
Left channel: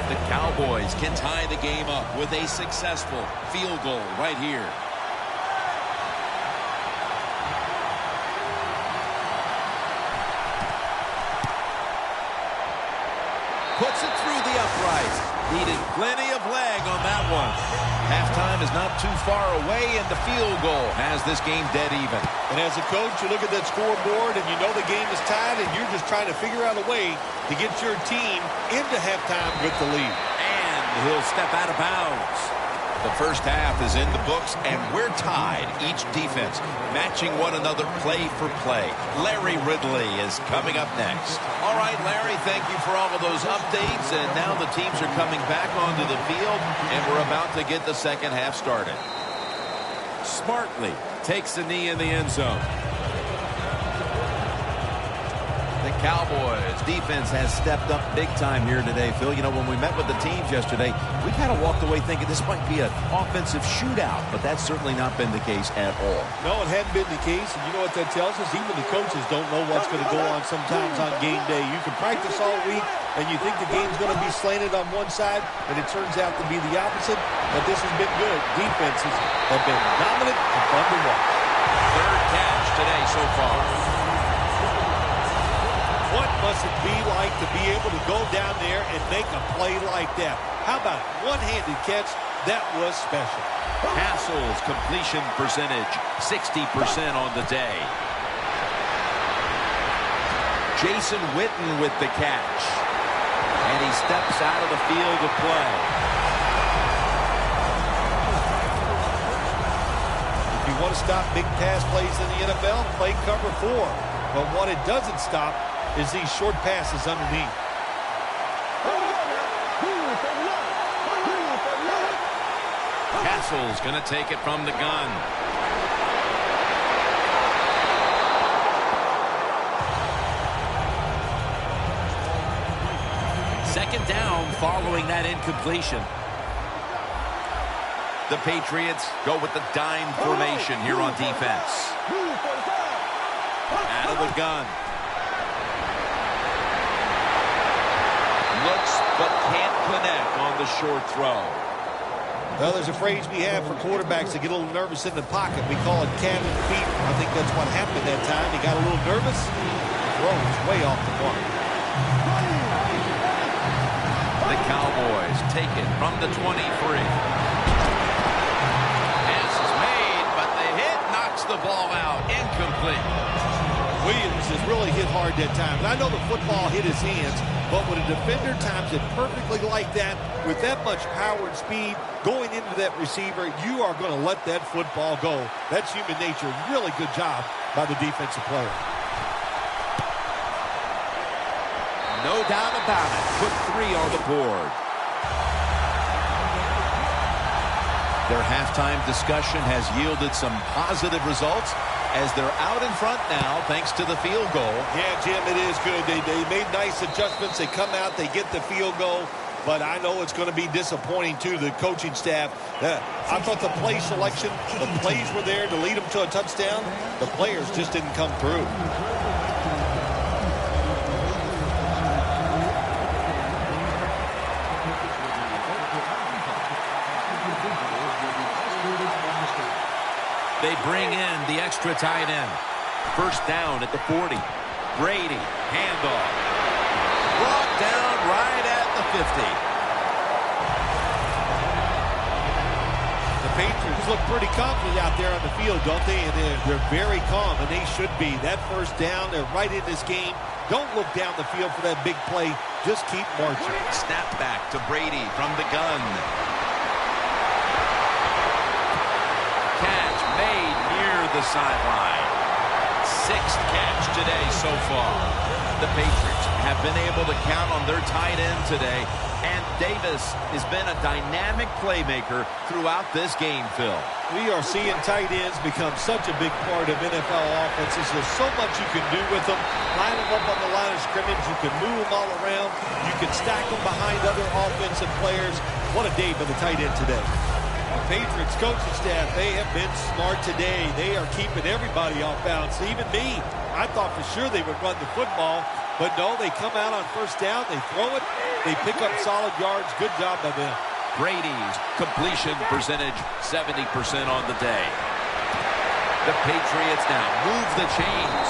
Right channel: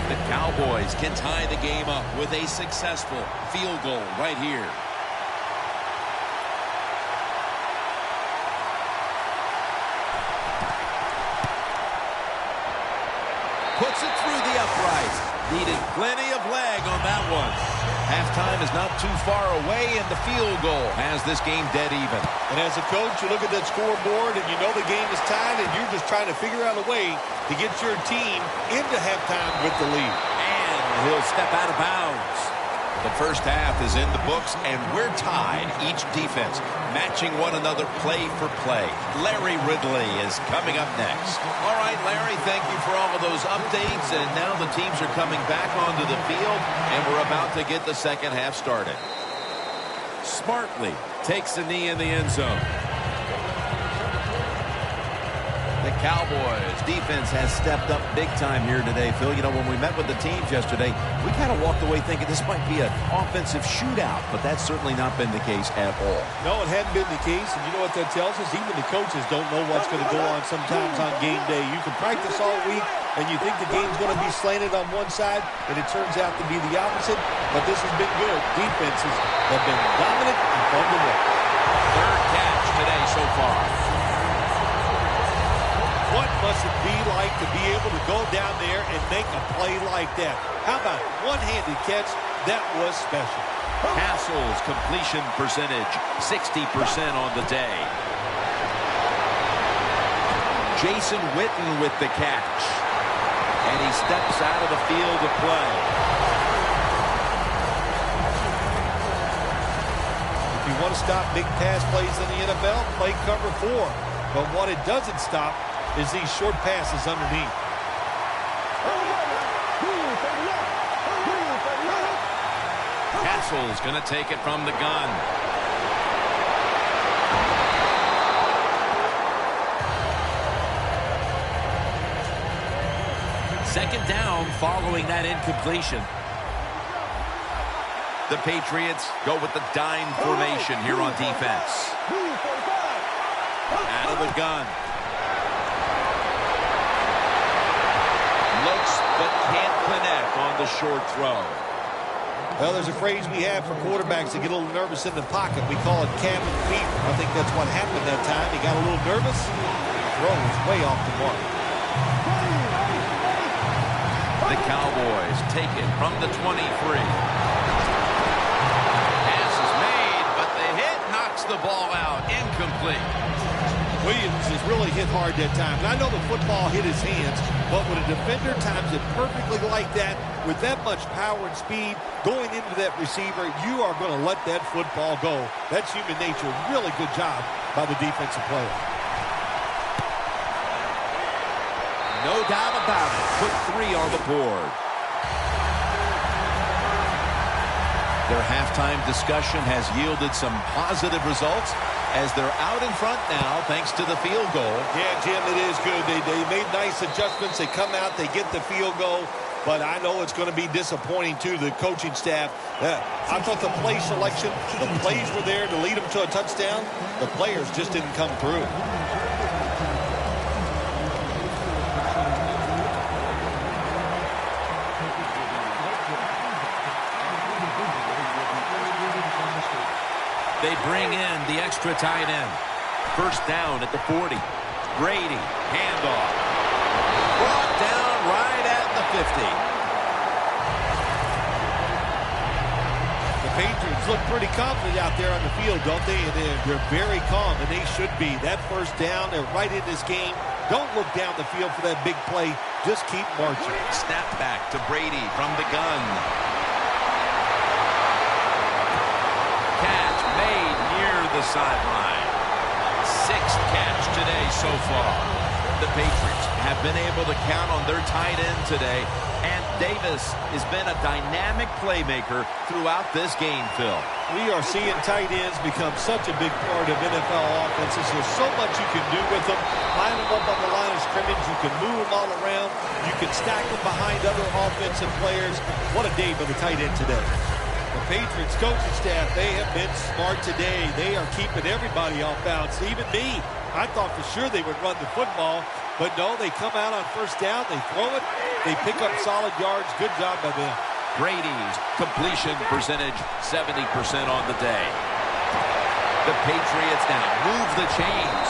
The Cowboys can tie the game up with a successful field goal right here. Puts it through the uprights. Needed plenty of leg on that one. Halftime is not too far away, and the field goal has this game dead even. And as a coach, you look at that scoreboard, and you know the game is tied, and you're just trying to figure out a way to get your team into halftime with the lead. And he'll step out of bounds. The first half is in the books, and we're tied. Each defense matching one another play for play. Larry Ridley is coming up next. All right, Larry, thank you for all of those updates. And now the teams are coming back onto the field, and we're about to get the second half started. Smartly takes the knee in the end zone. The Cowboys defense has stepped up big time here today, Phil. You know, when we met with the teams yesterday, we kind of walked away thinking this might be an offensive shootout, but that's certainly not been the case at all. No, it hadn't been the case, and you know what that tells us? Even the coaches don't know what's going to go on sometimes on game day. You can practice all week, and you think the game's going to be slanted on one side, and it turns out to be the opposite, but this has been good. Defenses have been dominant and fun to watch. Third catch today so far. What must it be like to be able to go down there and make a play like that? How about one-handed catch? That was special. Castle's completion percentage, 60% on the day. Jason Witten with the catch. And he steps out of the field of play. If you want to stop big pass plays in the NFL, play cover 4. But what it doesn't stop is these short passes underneath. Castle's going to take it from the gun. Second down following that incompletion. The Patriots go with the dime formation here on defense. Out of the gun. Looks but can't connect on the short throw. Well, there's a phrase we have for quarterbacks that get a little nervous in the pocket. We call it cabin fever. I think that's what happened that time. He got a little nervous. The throw was way off the mark. The Cowboys take it from the 23. Pass is made, but the hit knocks the ball out. Incomplete. Williams has really hit hard that time. And I know the football hit his hands, but when a defender times it perfectly like that, with that much power and speed going into that receiver, you are going to let that football go. That's human nature. Really good job by the defensive player. No doubt about it. Put 3 on the board. Their halftime discussion has yielded some positive results as they're out in front now thanks to the field goal. Yeah, Jim, it is good. They made nice adjustments. They come out, they get the field goal. But I know it's going to be disappointing to the coaching staff. I thought the play selection, the plays were there to lead them to a touchdown. The players just didn't come through. They bring in the extra tight end. First down at the 40. Brady, handoff. Brought down right at the 50. The Patriots look pretty confident out there on the field, don't they? And they're very calm, and they should be. That first down, they're right in this game. Don't look down the field for that big play. Just keep marching. Snap back to Brady from the gun. Catch made near the sideline. 6th catch today so far. The Patriots have been able to count on their tight end today, and Davis has been a dynamic playmaker throughout this game, Phil. We are seeing tight ends become such a big part of NFL offenses. There's so much you can do with them. Line them up on the line of scrimmage. You can move them all around. You can stack them behind other offensive players. What a day by the tight end today. The Patriots coaching staff, they have been smart today. They are keeping everybody off balance, even me. I thought for sure they would run the football, but no, they come out on first down, they throw it, they pick up solid yards. Good job by them. Brady's completion percentage, 70% on the day. The Patriots now move the chains.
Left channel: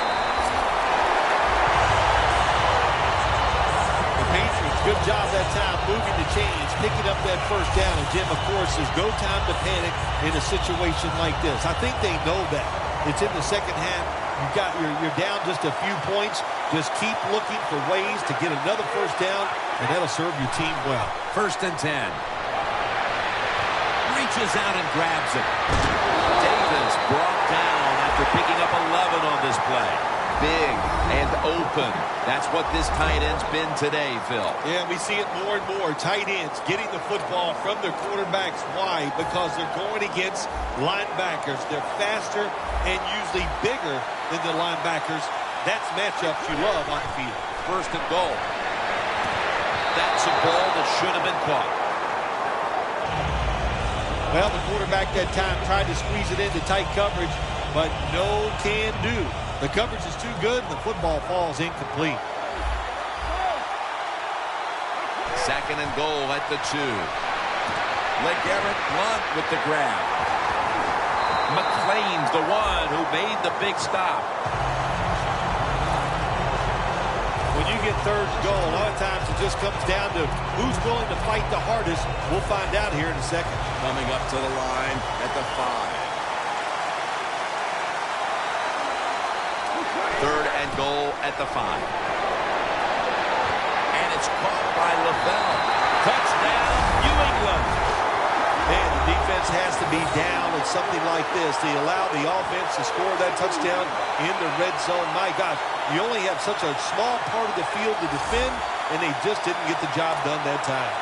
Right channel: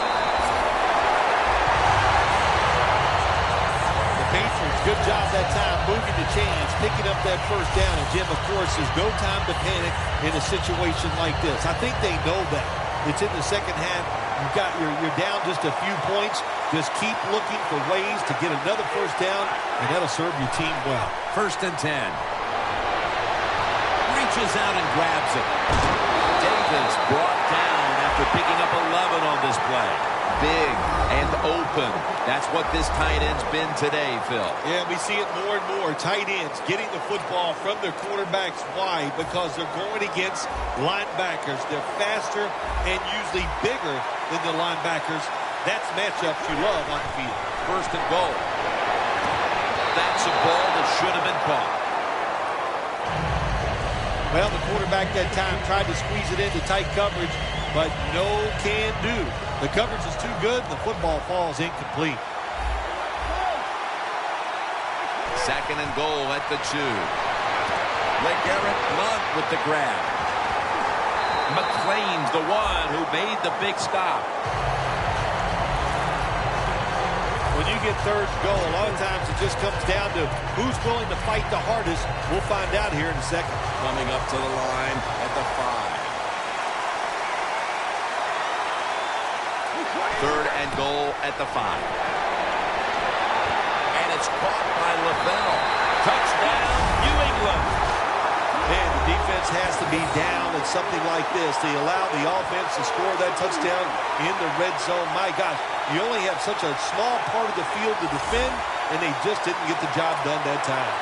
The Patriots, good job that time moving the chains, picking up that first down. And Jim, of course, there's no time to panic in a situation like this. I think they know that. It's in the second half. You're down just a few points. Just keep looking for ways to get another first down, and that'll serve your team well. 1st and 10. Reaches out and grabs it. Davis brought down after picking up 11 on this play. Big and open. That's what this tight end's been today, Phil. Yeah, we see it more and more. Tight ends getting the football from their quarterbacks. Why? Because they're going against linebackers. They're faster and usually bigger than the linebackers. That's matchups you love on the field. 1st and goal. That's a ball that should have been caught. Well, the quarterback that time tried to squeeze it into tight coverage, but no can do. The coverage is too good, and the football falls incomplete. 2nd and goal at the 2. LeGarrette Blount with the grab. McClain's the one who made the big stop. When you get 3rd and goal, a lot of times it just comes down to who's willing to fight the hardest. We'll find out here in a second. Coming up to the line at the 5. 3rd and goal at the 5. And it's caught by Lavelle. Touchdown, New England. Man, the defense has to be down at something like this. They allow the offense to score that touchdown in the red zone. My gosh, you only have such a small part of the field to defend, and they just didn't get the job done that time.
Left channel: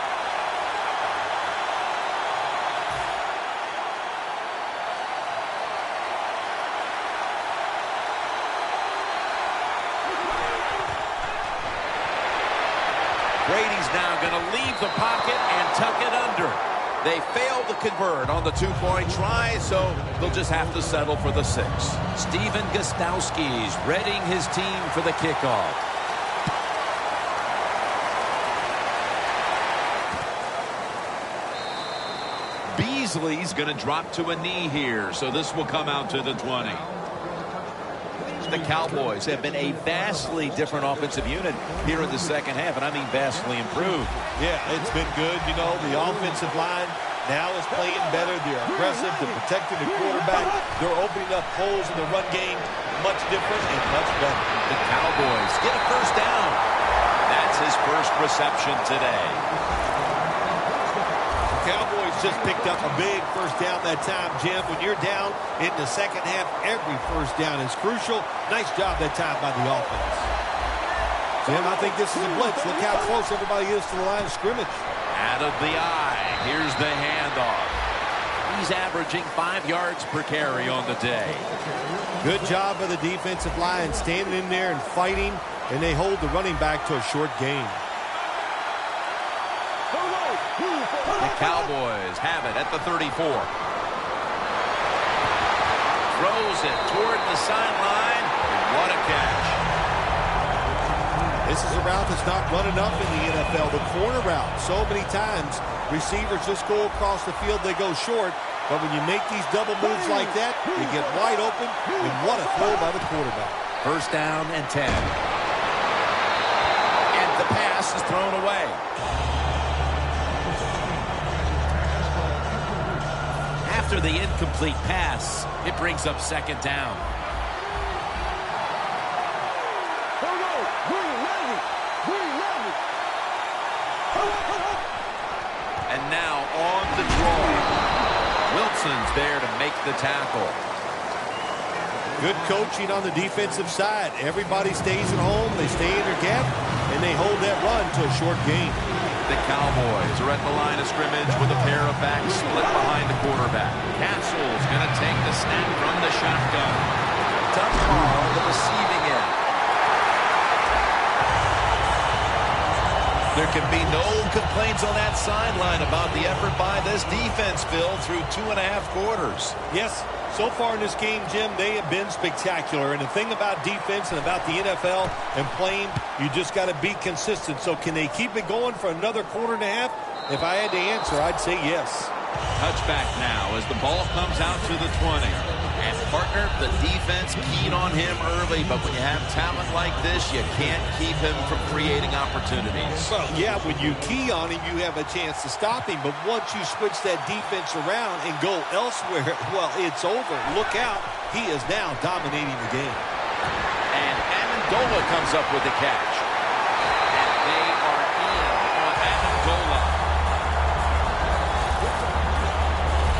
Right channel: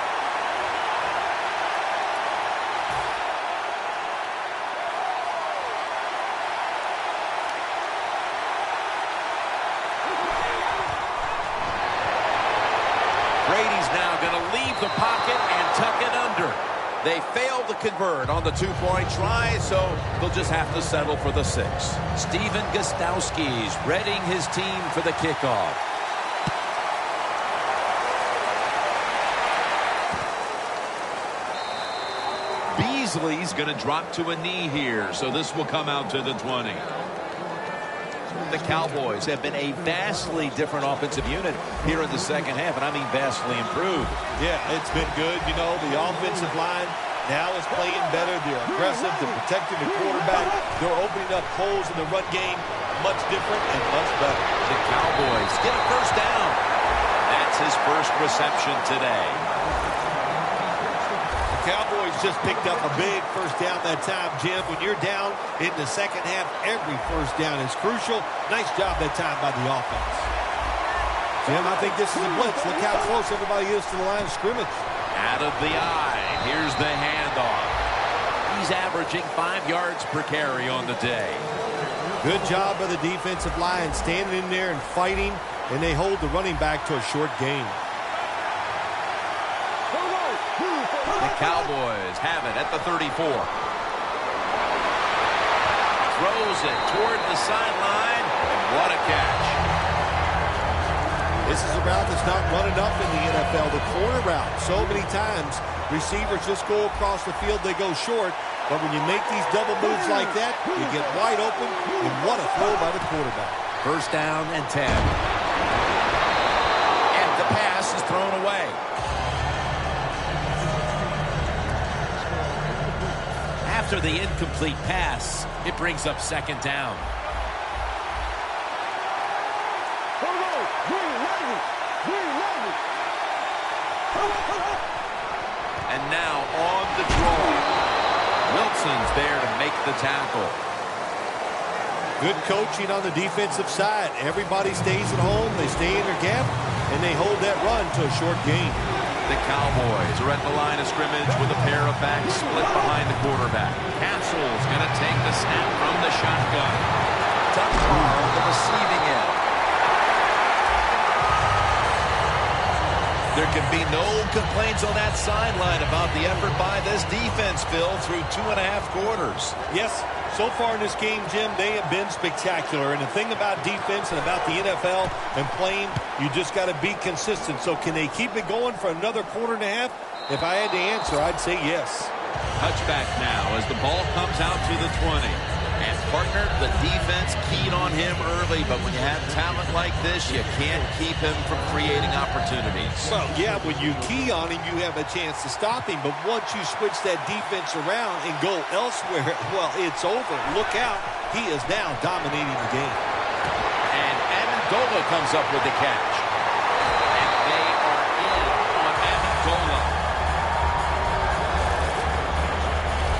Brady's now going to leave the pocket and tuck it under. They failed to convert on the 2-point try, so they'll just have to settle for the 6. Steven Gostowski's readying his team for the kickoff. Beasley's going to drop to a knee here, so this will come out to the 20. The Cowboys have been a vastly different offensive unit here in the second half, and I mean vastly improved. Yeah, it's been good. You know, the offensive line now is playing better. They're aggressive. They're protecting the quarterback. They're opening up holes in the run game. Much different and much better. The Cowboys get a first down. That's his first reception today. Cowboys just picked up a big first down that time, Jim. When you're down in the second half, every first down is crucial. Nice job that time by the offense. Jim, I think this is a blitz. Look how close everybody is to the line of scrimmage. Out of the eye. Here's the handoff. He's averaging 5 yards per carry on the day. Good job by the defensive line, standing in there and fighting, and they hold the running back to a short gain. The Cowboys have it at the 34. Throws it toward the sideline, and what a catch. This is a route that's not run enough in the NFL, the corner route. So many times, receivers just go across the field, they go short, but when you make these double moves like that, you get wide open, and what a throw by the quarterback. 1st down and 10. The pass is thrown away. After the incomplete pass, it brings up second down. And now on the draw. Wilson's there to make the tackle. Good coaching on the defensive side. Everybody stays at home. They stay in their gap, and they hold that run to a short gain. The Cowboys are at the line of scrimmage with a pair of backs split behind the quarterback. Castle's going to take the snap from the shotgun. Dunbar on the receiving end. There can be no complaints on that sideline about the effort by this defense, Phil, through 2.5 quarters. Yes, so far in this game, Jim, they have been spectacular. And the thing about defense and about the NFL and playing, you just got to be consistent. So can they keep it going for another quarter and a half? If I had to answer, I'd say yes. Touchback now as the ball comes out to the 20. And, partner, the defense keyed on him early, but when you have talent like this, you can't keep him from creating opportunities. Well, yeah, when you key on him, you have a chance to stop him. But once you switch that defense around and go elsewhere, well, it's over. Look out. He is now dominating the game. And Amendola comes up with the catch. And they are in on Amendola.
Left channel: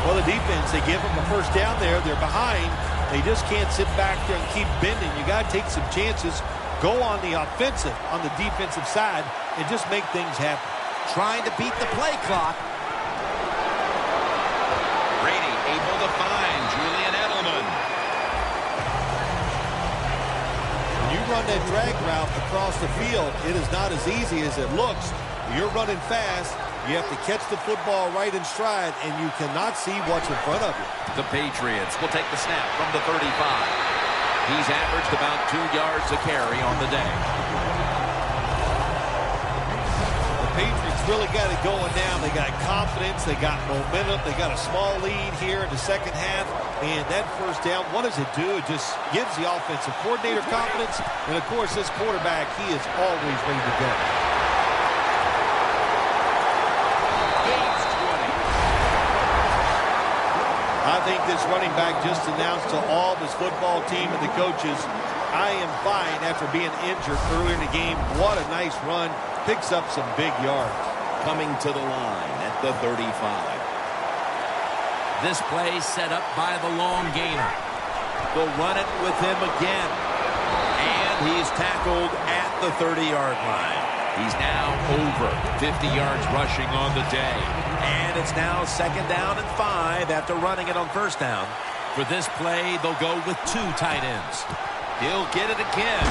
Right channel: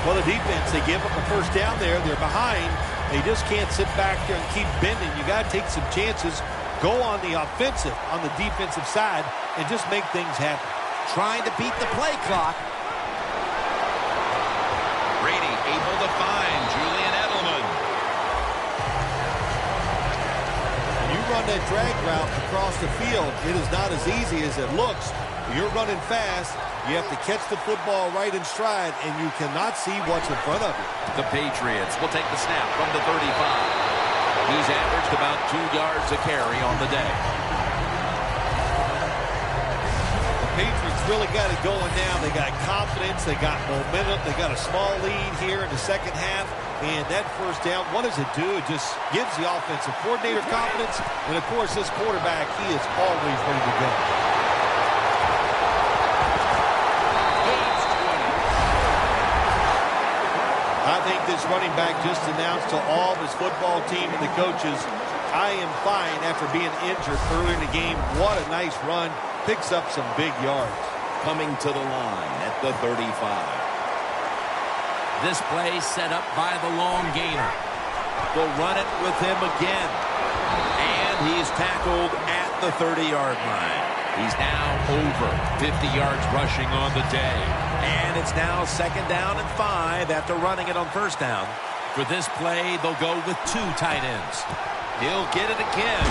Well, the defense, they give them a first down there. They're behind. They just can't sit back there and keep bending. You got to take some chances. Go on the offensive, on the defensive side, and just make things happen. Trying to beat the play clock. Brady able to find Julian Edelman. When you run that drag route across the field, it is not as easy as it looks. You're running fast. You have to catch the football right in stride, and you cannot see what's in front of you. The Patriots will take the snap from the 35. He's averaged about 2 yards a carry on the day. The Patriots really got it going now. They got confidence. They got momentum. They got a small lead here in the second half. And that first down, what does it do? It just gives the offensive coordinator confidence. And, of course, this quarterback, he is always ready to go. I think this running back just announced to all of his football team and the coaches, I am fine after being injured earlier in the game. What a nice run. Picks up some big yards. Coming to the line at the 35. This play set up by the long gainer. They'll run it with him again. And he's tackled at the 30-yard line. He's now over 50 yards rushing on the day. And it's now second down and 5 after running it on first down. For this play, they'll go with 2 tight ends. He'll get it again.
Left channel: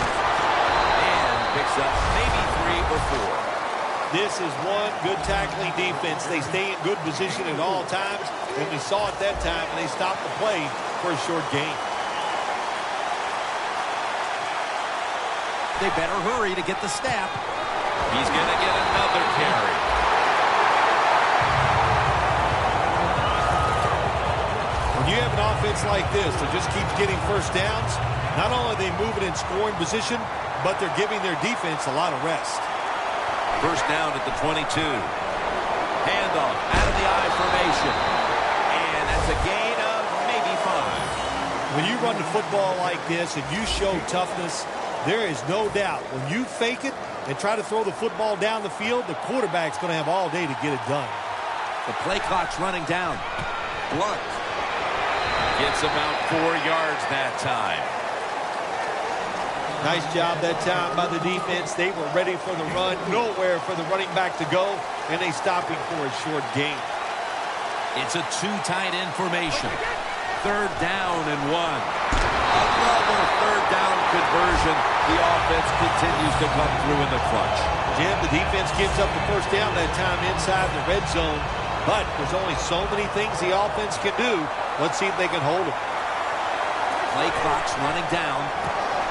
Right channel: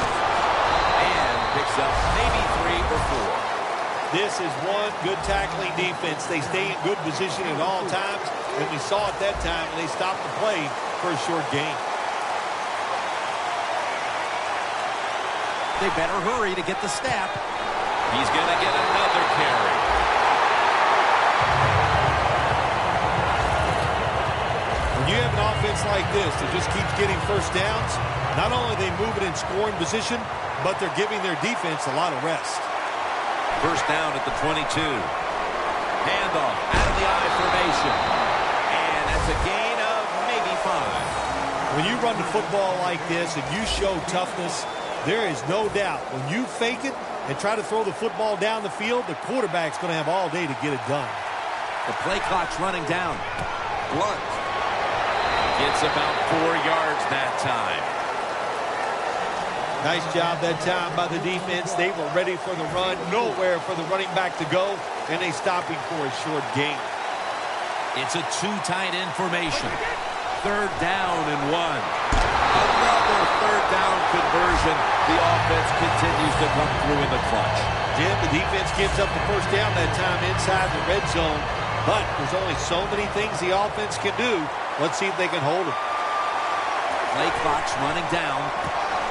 And picks up maybe 3 or 4. This is one good tackling defense. They stay in good position at all times. And we saw it that time, and they stopped the play for a short gain. They better hurry to get the snap. He's going to get another carry. When you have an offense like this that just keeps getting first downs, not only are they moving in scoring position, but they're giving their defense a lot of rest. First down at the 22. Handoff out of the I formation. And that's a gain of maybe 5. When you run the football like this and you show toughness, there is no doubt when you fake it and try to throw the football down the field, the quarterback's going to have all day to get it done. The play clock's running down. Blunt gets about 4 yards that time. Nice job that time by the defense. They were ready for the run. Nowhere for the running back to go, and they stop him for a short gain. It's a 2 tight end formation. Third down and 1. Another third down conversion. The offense continues to come through in the clutch. Jim, the defense gives up the first down that time inside the red zone, but there's only so many things the offense can do. Let's see if they can hold him. Play clock's running down.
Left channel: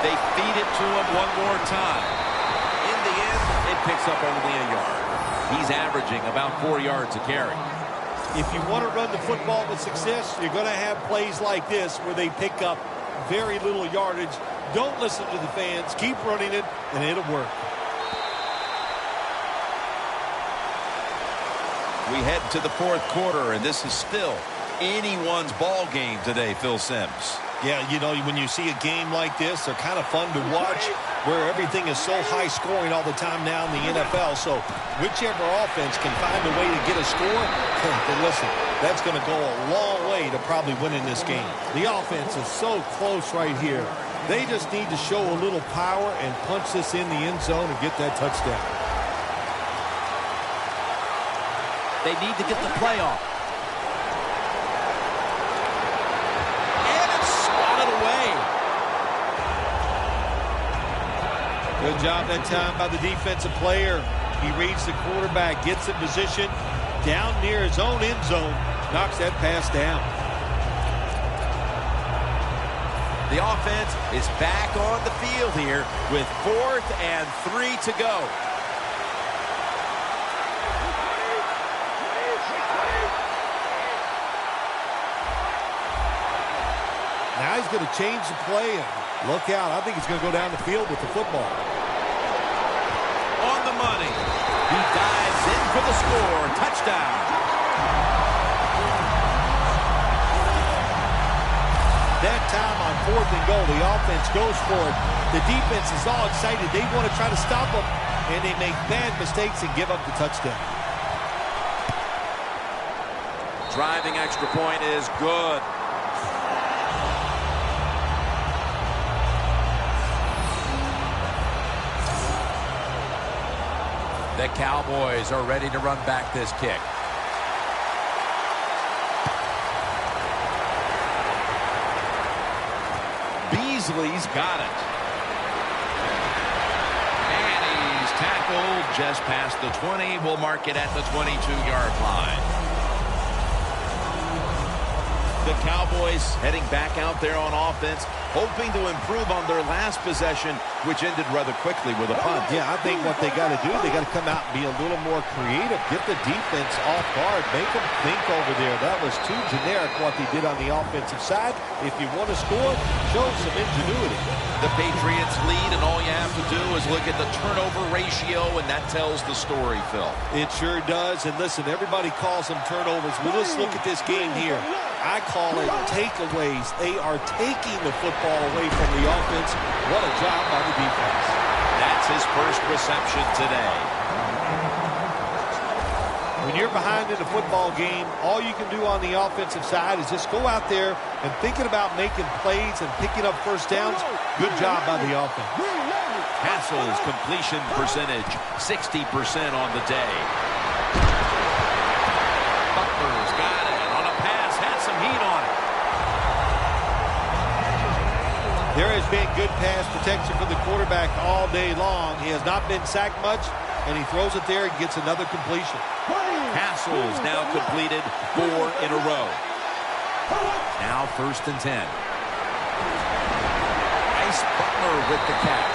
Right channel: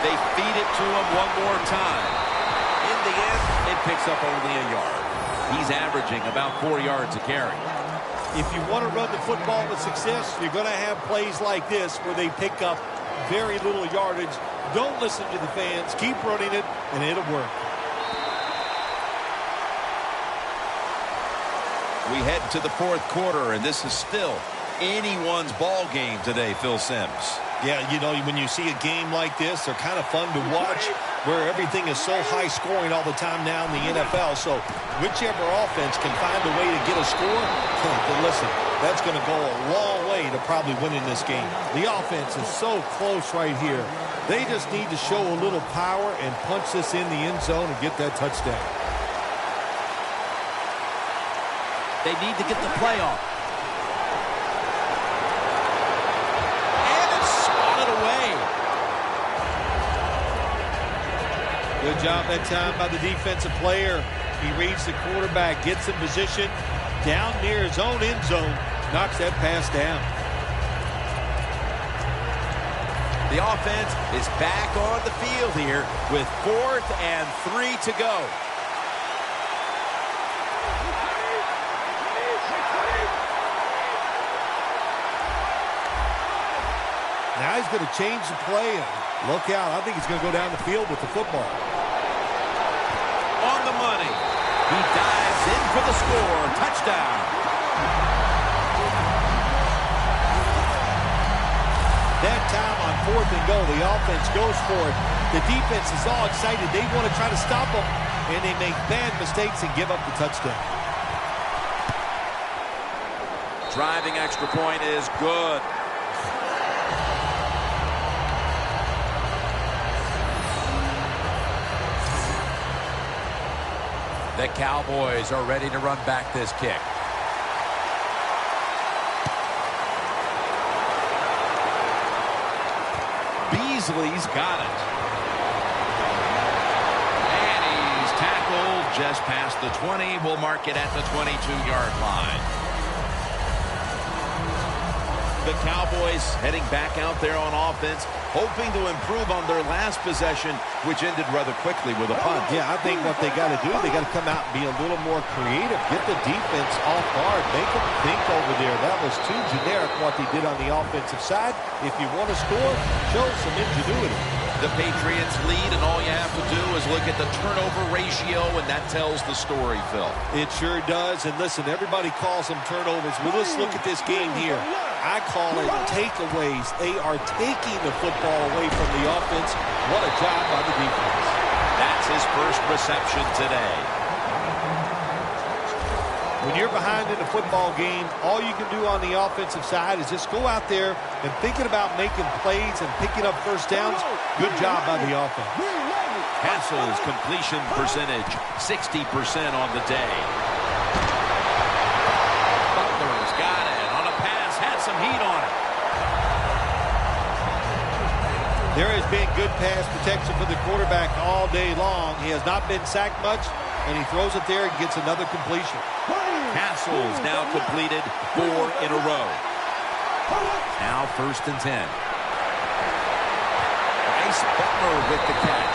They feed it to him one more time. In the end, it picks up only a yard. He's averaging about 4 yards a carry. If you want to run the football with success, you're going to have plays like this where they pick up very little yardage. Don't listen to the fans. Keep running it, and it'll work. We head to the fourth quarter, and this is still anyone's ball game today, Phil Simms. Yeah, you know, when you see a game like this, they're kind of fun to watch, where everything is so high scoring all the time now in the NFL. So whichever offense can find a way to get a score, then listen, that's going to go a long way to probably winning this game. The offense is so close right here. They just need to show a little power and punch this in the end zone and get that touchdown. They need to get the play off. And it's swatted away. Good job that time by the defensive player. He reads the quarterback, gets in position, down near his own end zone, knocks that pass down. The offense is back on the field here with 4th and 3 to go. Now he's going to change the play, and look out. I think he's going to go down the field with the football. On the money. He dives in for the score. Touchdown. That time on 4th and goal, the offense goes for it. The defense is all excited. They want to try to stop them, and they make bad mistakes and give up the touchdown. Driving extra point is good. The Cowboys are ready to run back this kick. Beasley's got it. And he's tackled just past the 20. We'll mark it at the 22-yard line. The Cowboys heading back out there on offense, hoping to improve on their last possession, which ended rather quickly with a punt. Yeah, I think what they got to do, they got to come out and be a little more creative, get the defense off guard, make them think over there. That was too generic what they did on the offensive side. If you want to score, show some ingenuity. The Patriots lead, and all you have to do is look at the turnover ratio, and that tells the story, Phil. It sure does. And listen, everybody calls them turnovers. But let's look at this game here. I call it takeaways. They are taking the football away from the offense. What a job by the defense. That's his first reception today. When you're behind in a football game, all you can do on the offensive side is just go out there and thinking about making plays and picking up first downs. Good job by the offense. Castle's completion percentage, 60% on the day. Butler's got it on a pass, had some heat on it. There has been good pass protection for the quarterback all day long. He has not been sacked much, and he throws it there and gets another completion. Castle's now completed 4 in a row. Now 1st and 10. Bryce Butler with the catch.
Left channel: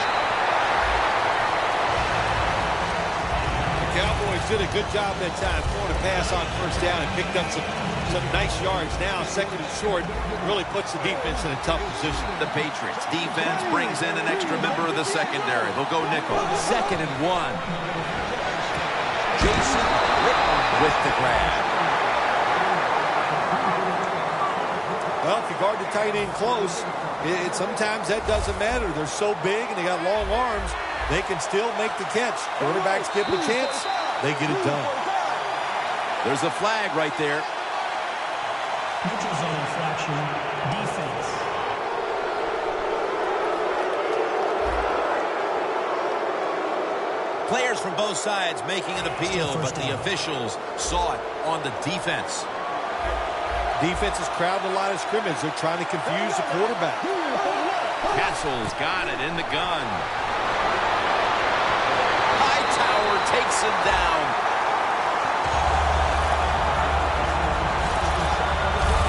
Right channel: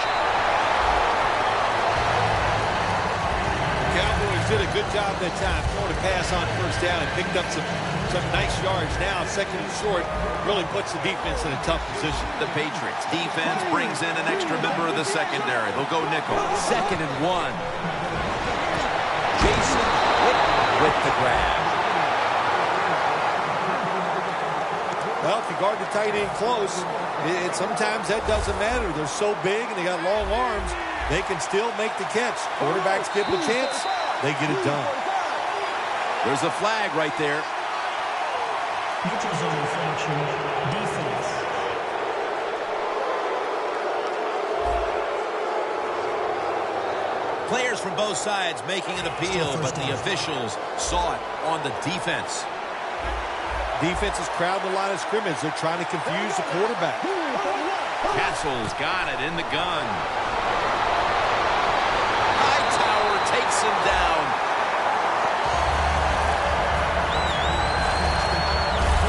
The Cowboys did a good job that time throwing a pass on first down and picked up some nice yards. Now 2nd and short really puts the defense in a tough position. The Patriots defense brings in an extra member of the secondary. They'll go nickel. 2nd and 1. Jason Witten with the grab. Well, if you guard the tight end close, sometimes that doesn't matter. They're so big and they got long arms, they can still make the catch. Quarterbacks give them a chance, they get it done. There's a flag right there. Neutral zone infraction, defense. Players from both sides making an appeal, but the officials saw it on the defense. Defense is crowding the line of scrimmage. They're trying to confuse the quarterback. Castle's got it in the gun. Hightower takes him down.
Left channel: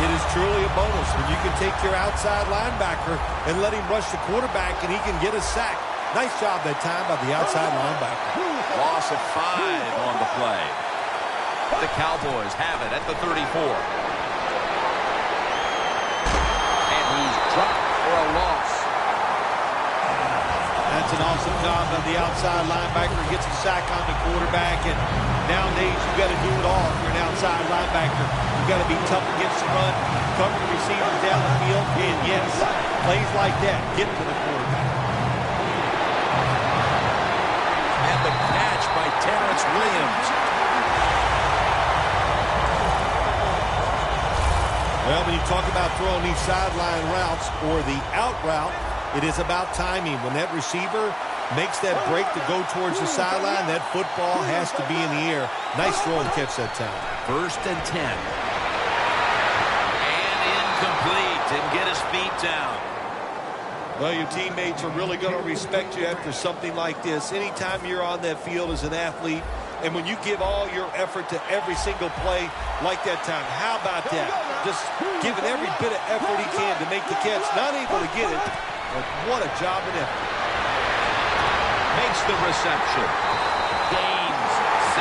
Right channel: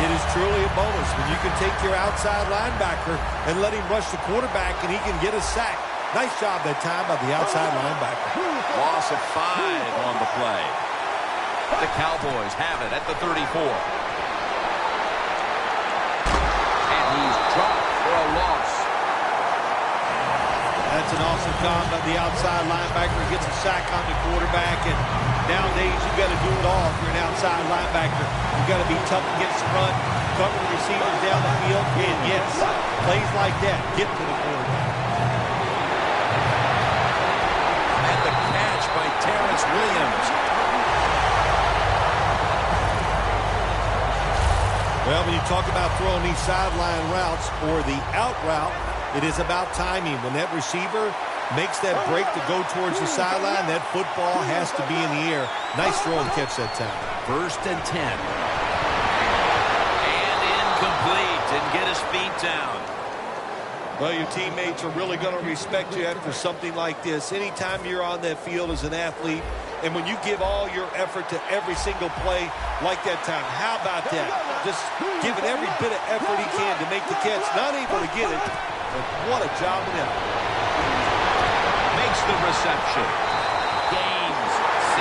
It is truly a bonus when you can take your outside linebacker and let him rush the quarterback and he can get a sack. Nice job that time by the outside linebacker. Loss of 5 on the play. The Cowboys have it at the 34. And he's dropped for a loss. That's an awesome job by the outside linebacker. He gets a sack on the quarterback, and Nowadays, you've got to do it all if you're an outside linebacker. You've got to be tough against the run, cover the receivers down the field, and yes, plays like that get to the quarterback. And the catch by Terrence Williams. Well, when you talk about throwing these sideline routes or the out route, it is about timing. When that receiver makes that break to go towards the sideline, that football has to be in the air. Nice throw and catch that time. 1st and 10. And incomplete. Didn't get his feet down. Well, your teammates are really going to respect you after something like this. Anytime you're on that field as an athlete, and when you give all your effort to every single play like that time, how about that? Just giving every bit of effort he can to make the catch. Not able to get it, but what a job and effort. Makes the reception. Gains 16.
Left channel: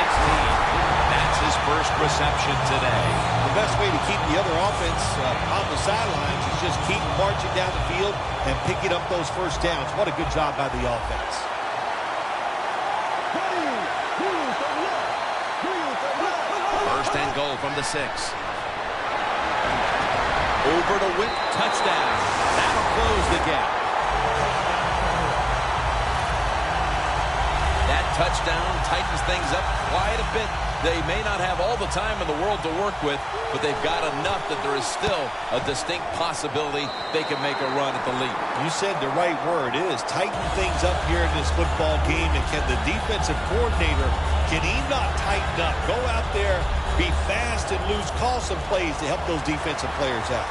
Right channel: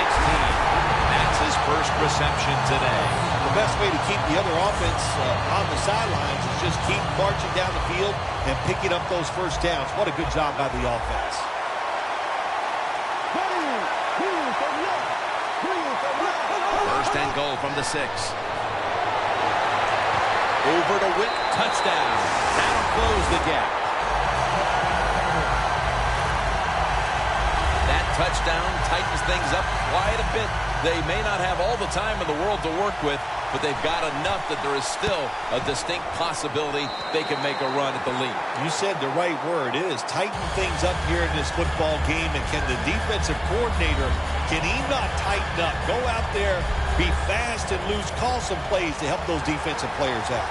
That's his first reception today. The best way to keep the other offense on the sidelines is just keep marching down the field and picking up those first downs. What a good job by the offense. First and goal from the 6. Over to Witt. Touchdown. That'll close the gap. That touchdown tightens things up quite a bit. They may not have all the time in the world to work with, but they've got enough that there is still a distinct possibility they can make a run at the lead. You said the right word. It is tighten things up here in this football game. And can the defensive coordinator, can he not tighten up? Go out there, be fast and loose, call some plays to help those defensive players out.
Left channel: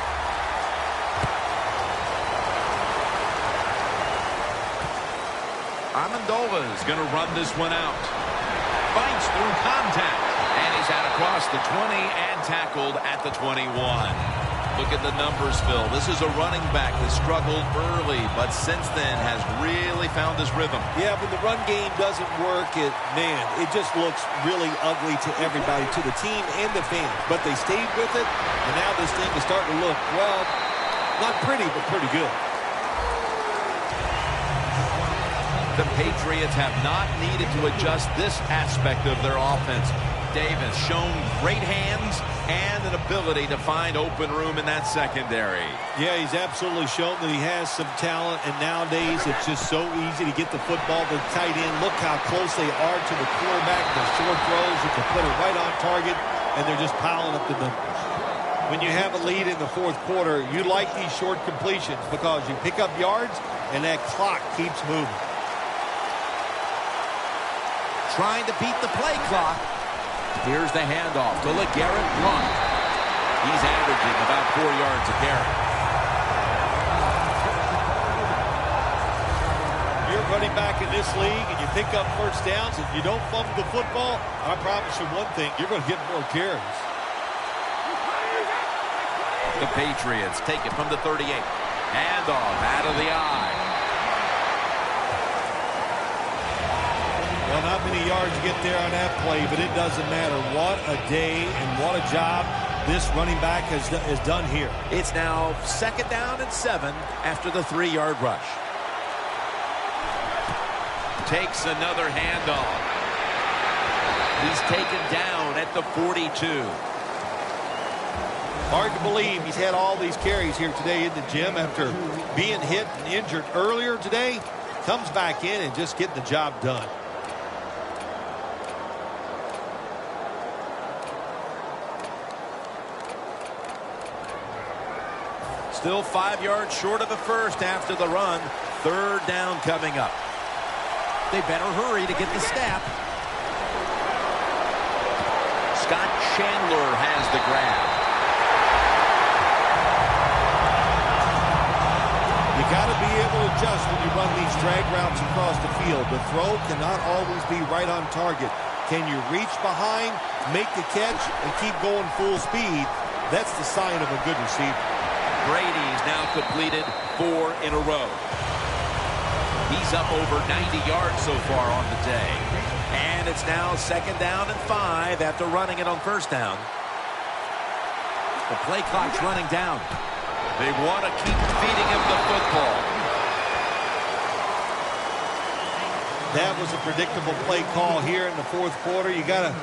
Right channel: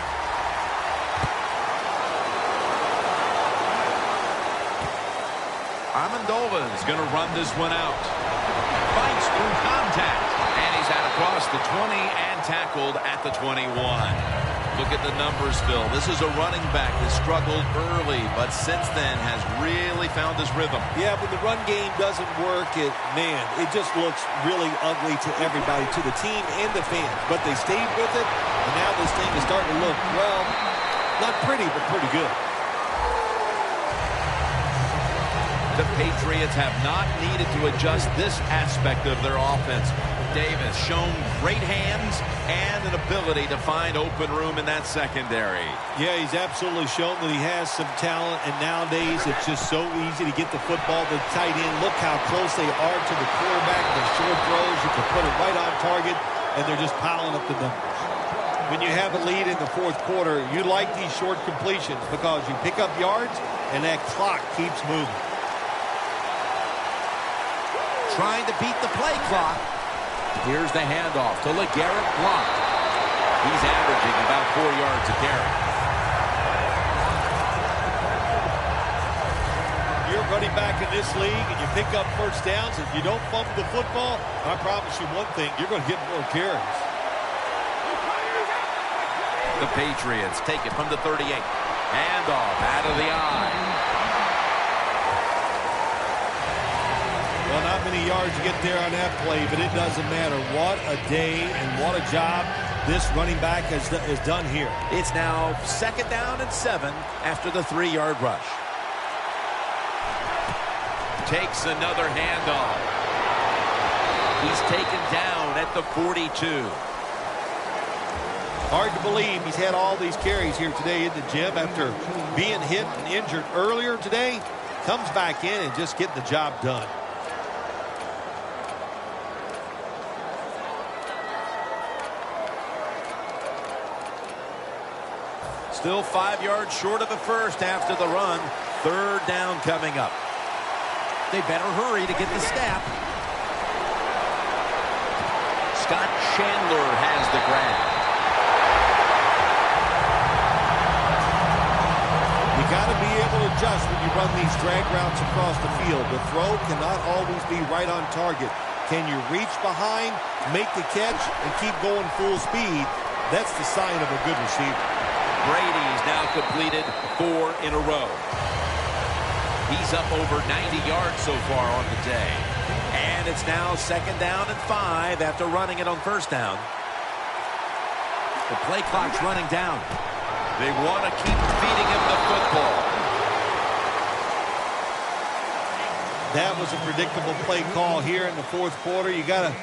Amendola is going to run this one out. Fights through contact. And he's out across the 20 and tackled at the 21. Look at the numbers, Phil. This is a running back that struggled early, but since then has really found his rhythm. Yeah, when the run game doesn't work, it just looks really ugly to everybody, to the team and the fans. But they stayed with it, and now this thing is starting to look, well, not pretty, but pretty good. The Patriots have not needed to adjust this aspect of their offense. Davis shown great hands and an ability to find open room in that secondary. Yeah, he's absolutely shown that he has some talent, and nowadays it's just so easy to get the football to the tight end. Look how close they are to the quarterback. The short throws, you can put it right on target, and they're just piling up the numbers. When you have a lead in the fourth quarter, you like these short completions because you pick up yards, and that clock keeps moving. Trying to beat the play clock. Here's the handoff to LeGarrette Blount. He's averaging about 4 yards a carry. You're running back in this league and you pick up first downs and you don't fumble the football, I promise you one thing, you're going to get more carries. The Patriots take it from the 38. Handoff out of the eye. Well, not many yards to get there on that play, but it doesn't matter. What a day and what a job this running back has done here. It's now 2nd down and 7 after the 3-yard rush. Takes another handoff. He's taken down at the 42. Hard to believe he's had all these carries here today in the gym after being hit and injured earlier today. Comes back in and just getting the job done. Still 5 yards short of the first after the run. 3rd down coming up. They better hurry to get the snap. Scott Chandler has the grab. You got to be able to adjust when you run these drag routes across the field. The throw cannot always be right on target. Can you reach behind, make the catch, and keep going full speed? That's the sign of a good receiver. Brady's now completed 4 in a row. He's up over 90 yards so far on the day. And it's now 2nd down and 5 after running it on 1st down. The play clock's running down. They want to keep feeding him the football. That was a predictable play call here in the fourth quarter. You got a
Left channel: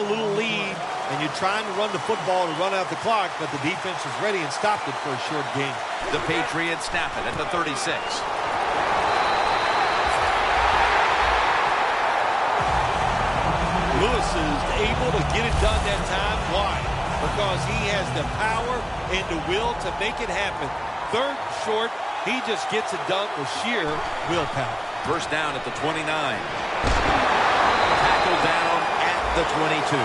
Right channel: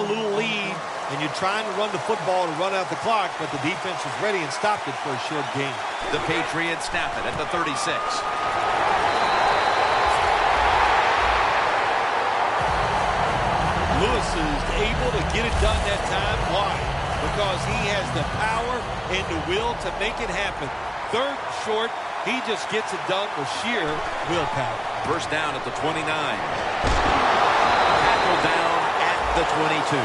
little lead, and you're trying to run the football to run out the clock, but the defense was ready and stopped it for a short gain. The Patriots snap it at the 36. Lewis is able to get it done that time. Why? Because he has the power and the will to make it happen. Third and short, he just gets it done with sheer willpower. First down at the 29. Tackled down at the 22.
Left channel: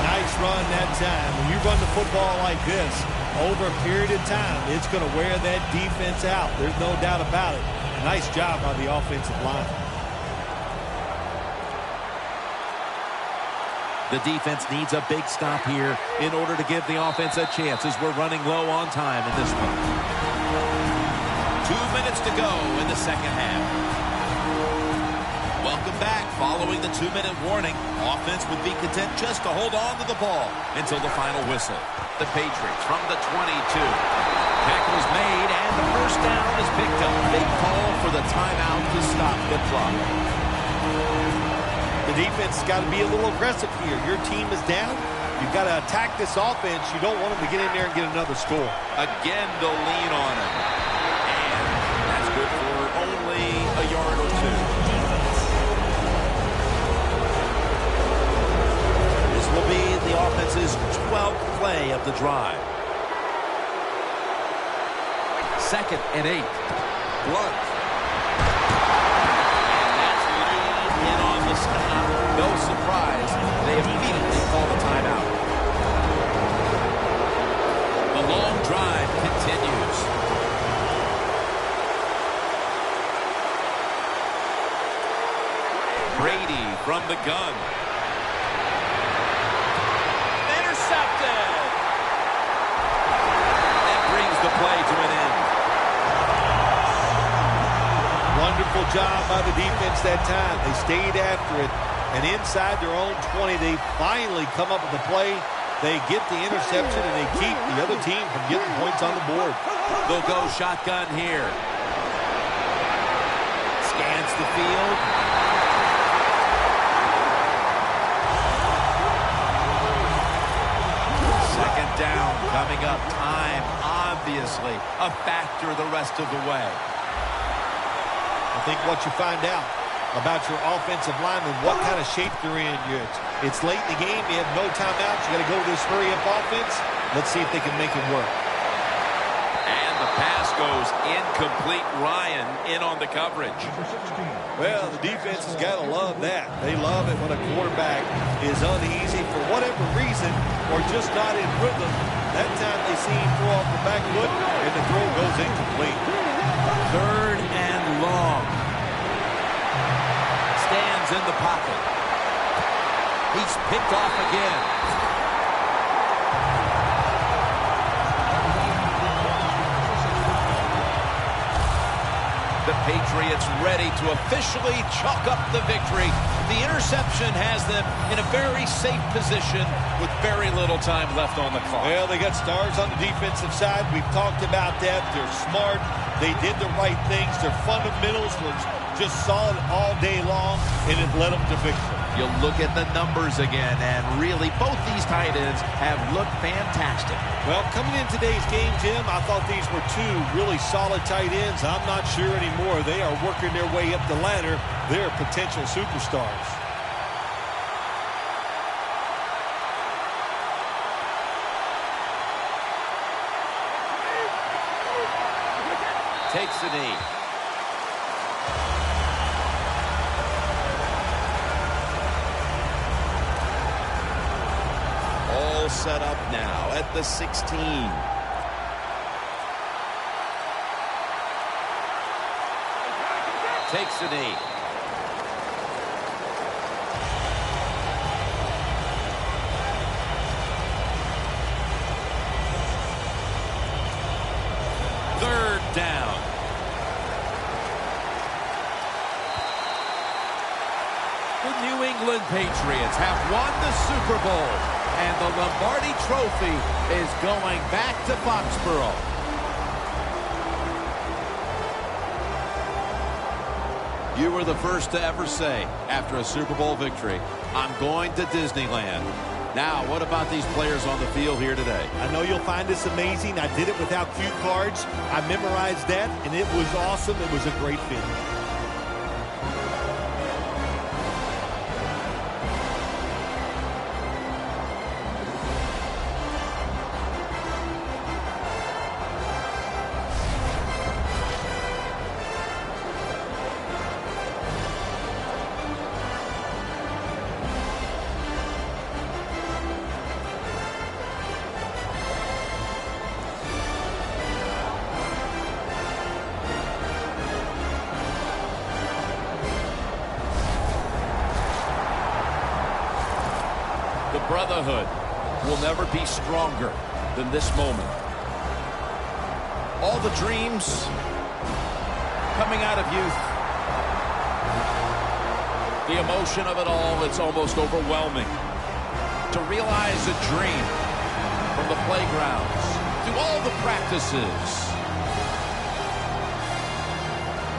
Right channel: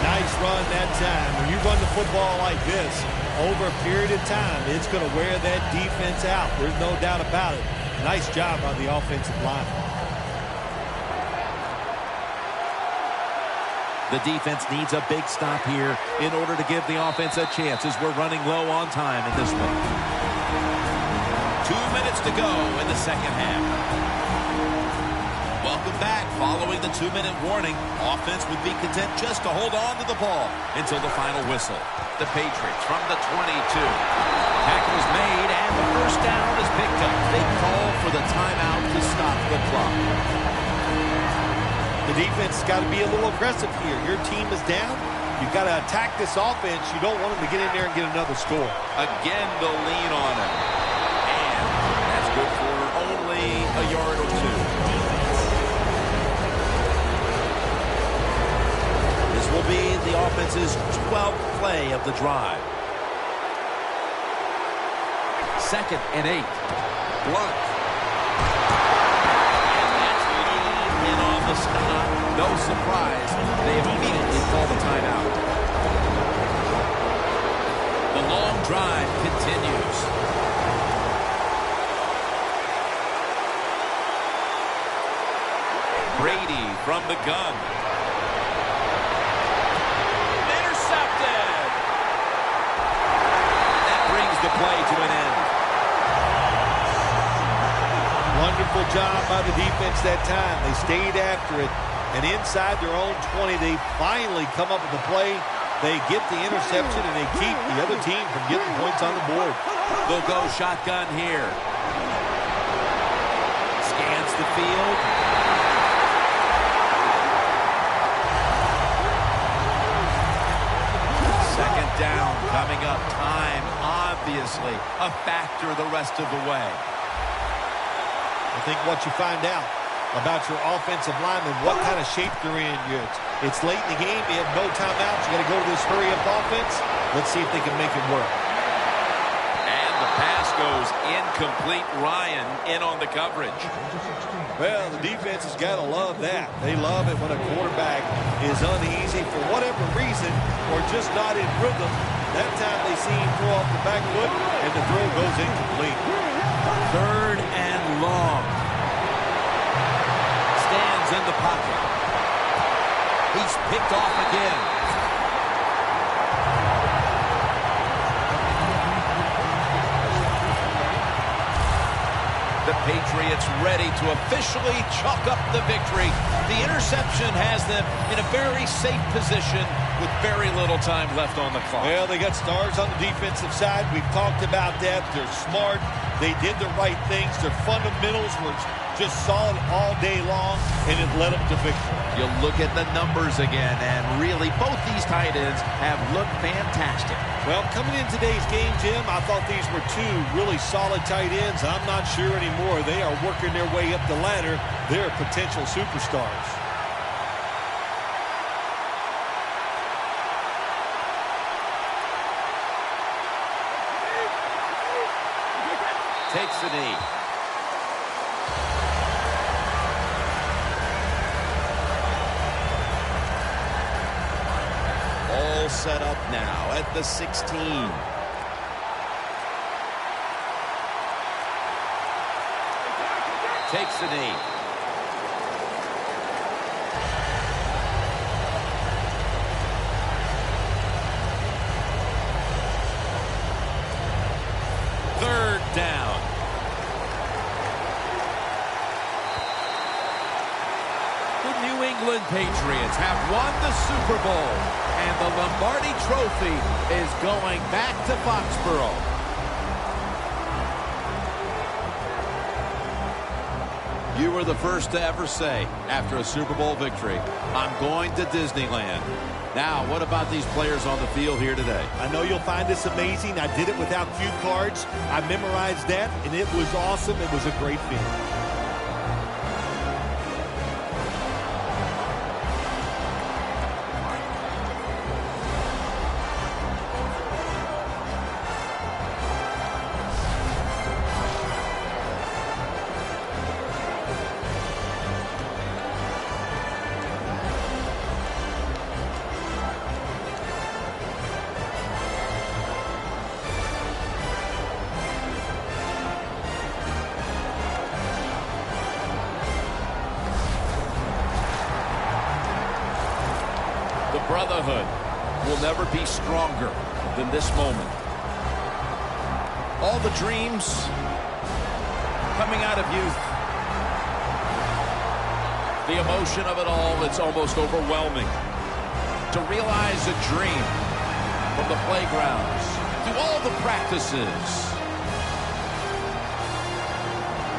Nice run that time. When you run the football like this over a period of time, it's going to wear that defense out. There's no doubt about it. Nice job by the offensive line. The defense needs a big stop here in order to give the offense a chance as we're running low on time in this one. 2 minutes to go in the second half. Welcome back. Following the 2-minute warning, offense would be content just to hold on to the ball until the final whistle. The Patriots from the 22. Tackle is made, and the first down is picked up. They call for the timeout to stop the clock. The defense has got to be a little aggressive here. Your team is down. You've got to attack this offense. You don't want them to get in there and get another score. Again, they'll lean on him. And that's good for only a yard or two. This will be the offense's 12th play of the drive. 2nd and 8. Blunt. In on the stop. No surprise. They immediately call the timeout. The long drive continues. Brady from the gun. Intercepted. That brings the play to an end. Wonderful job by the defense that time. They stayed after it, and inside their own 20, they finally come up with the play. They get the interception, and they keep the other team from getting points on the board. They'll go shotgun here. Scans the field. Second down coming up. Time, obviously, a factor the rest of the way. I think what you find out about your offensive linemen, what kind of shape they're in. It's late in the game. You have no timeouts. You got to go to this hurry-up offense. Let's see if they can make it work. And the pass goes incomplete. Ryan in on the coverage. Well, the defense has got to love that. They love it when a quarterback is uneasy for whatever reason or just not in rhythm. That time they see him throw off the back foot, and the throw goes incomplete. 3rd and long. Stands in the pocket. He's picked off again. The Patriots ready to officially chalk up the victory. The interception has them in a very safe position with very little time left on the clock. Well, they got stars on the defensive side. We've talked about that. They're smart. They did the right things. Their fundamentals were just solid all day long, and it led them to victory. You look at the numbers again, and really both these tight ends have looked fantastic. Well, coming in today's game, Jim, I thought these were two really solid tight ends. I'm not sure anymore. They are working their way up the ladder. They're potential superstars. Takes the knee. All set up now at the 16. Takes the knee. Third down. The New England Patriots have won the Super Bowl, and the Lombardi Trophy is going back to Foxborough. You were the first to ever say, after a Super Bowl victory, I'm going to Disneyland. Now, what about these players on the field here today? I know you'll find this amazing. I did it without cue cards. I memorized that, and it was awesome. It was a great feeling. The brotherhood will never be stronger than this moment. All the dreams coming out of youth. The emotion of it all, it's almost overwhelming. To realize a dream from the playgrounds, through all the practices,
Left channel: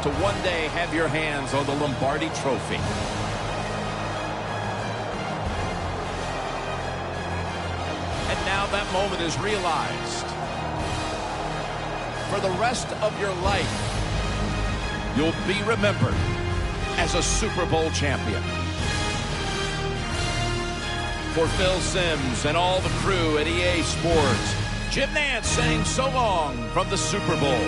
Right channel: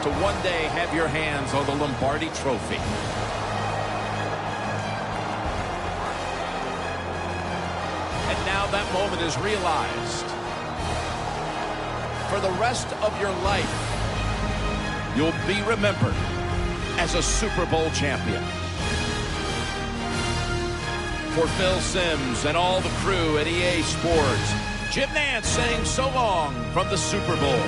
to one day have your hands on the Lombardi Trophy. And now that moment is realized. For the rest of your life, you'll be remembered as a Super Bowl champion. For Phil Simms and all the crew at EA Sports, Jim Nantz saying so long from the Super Bowl.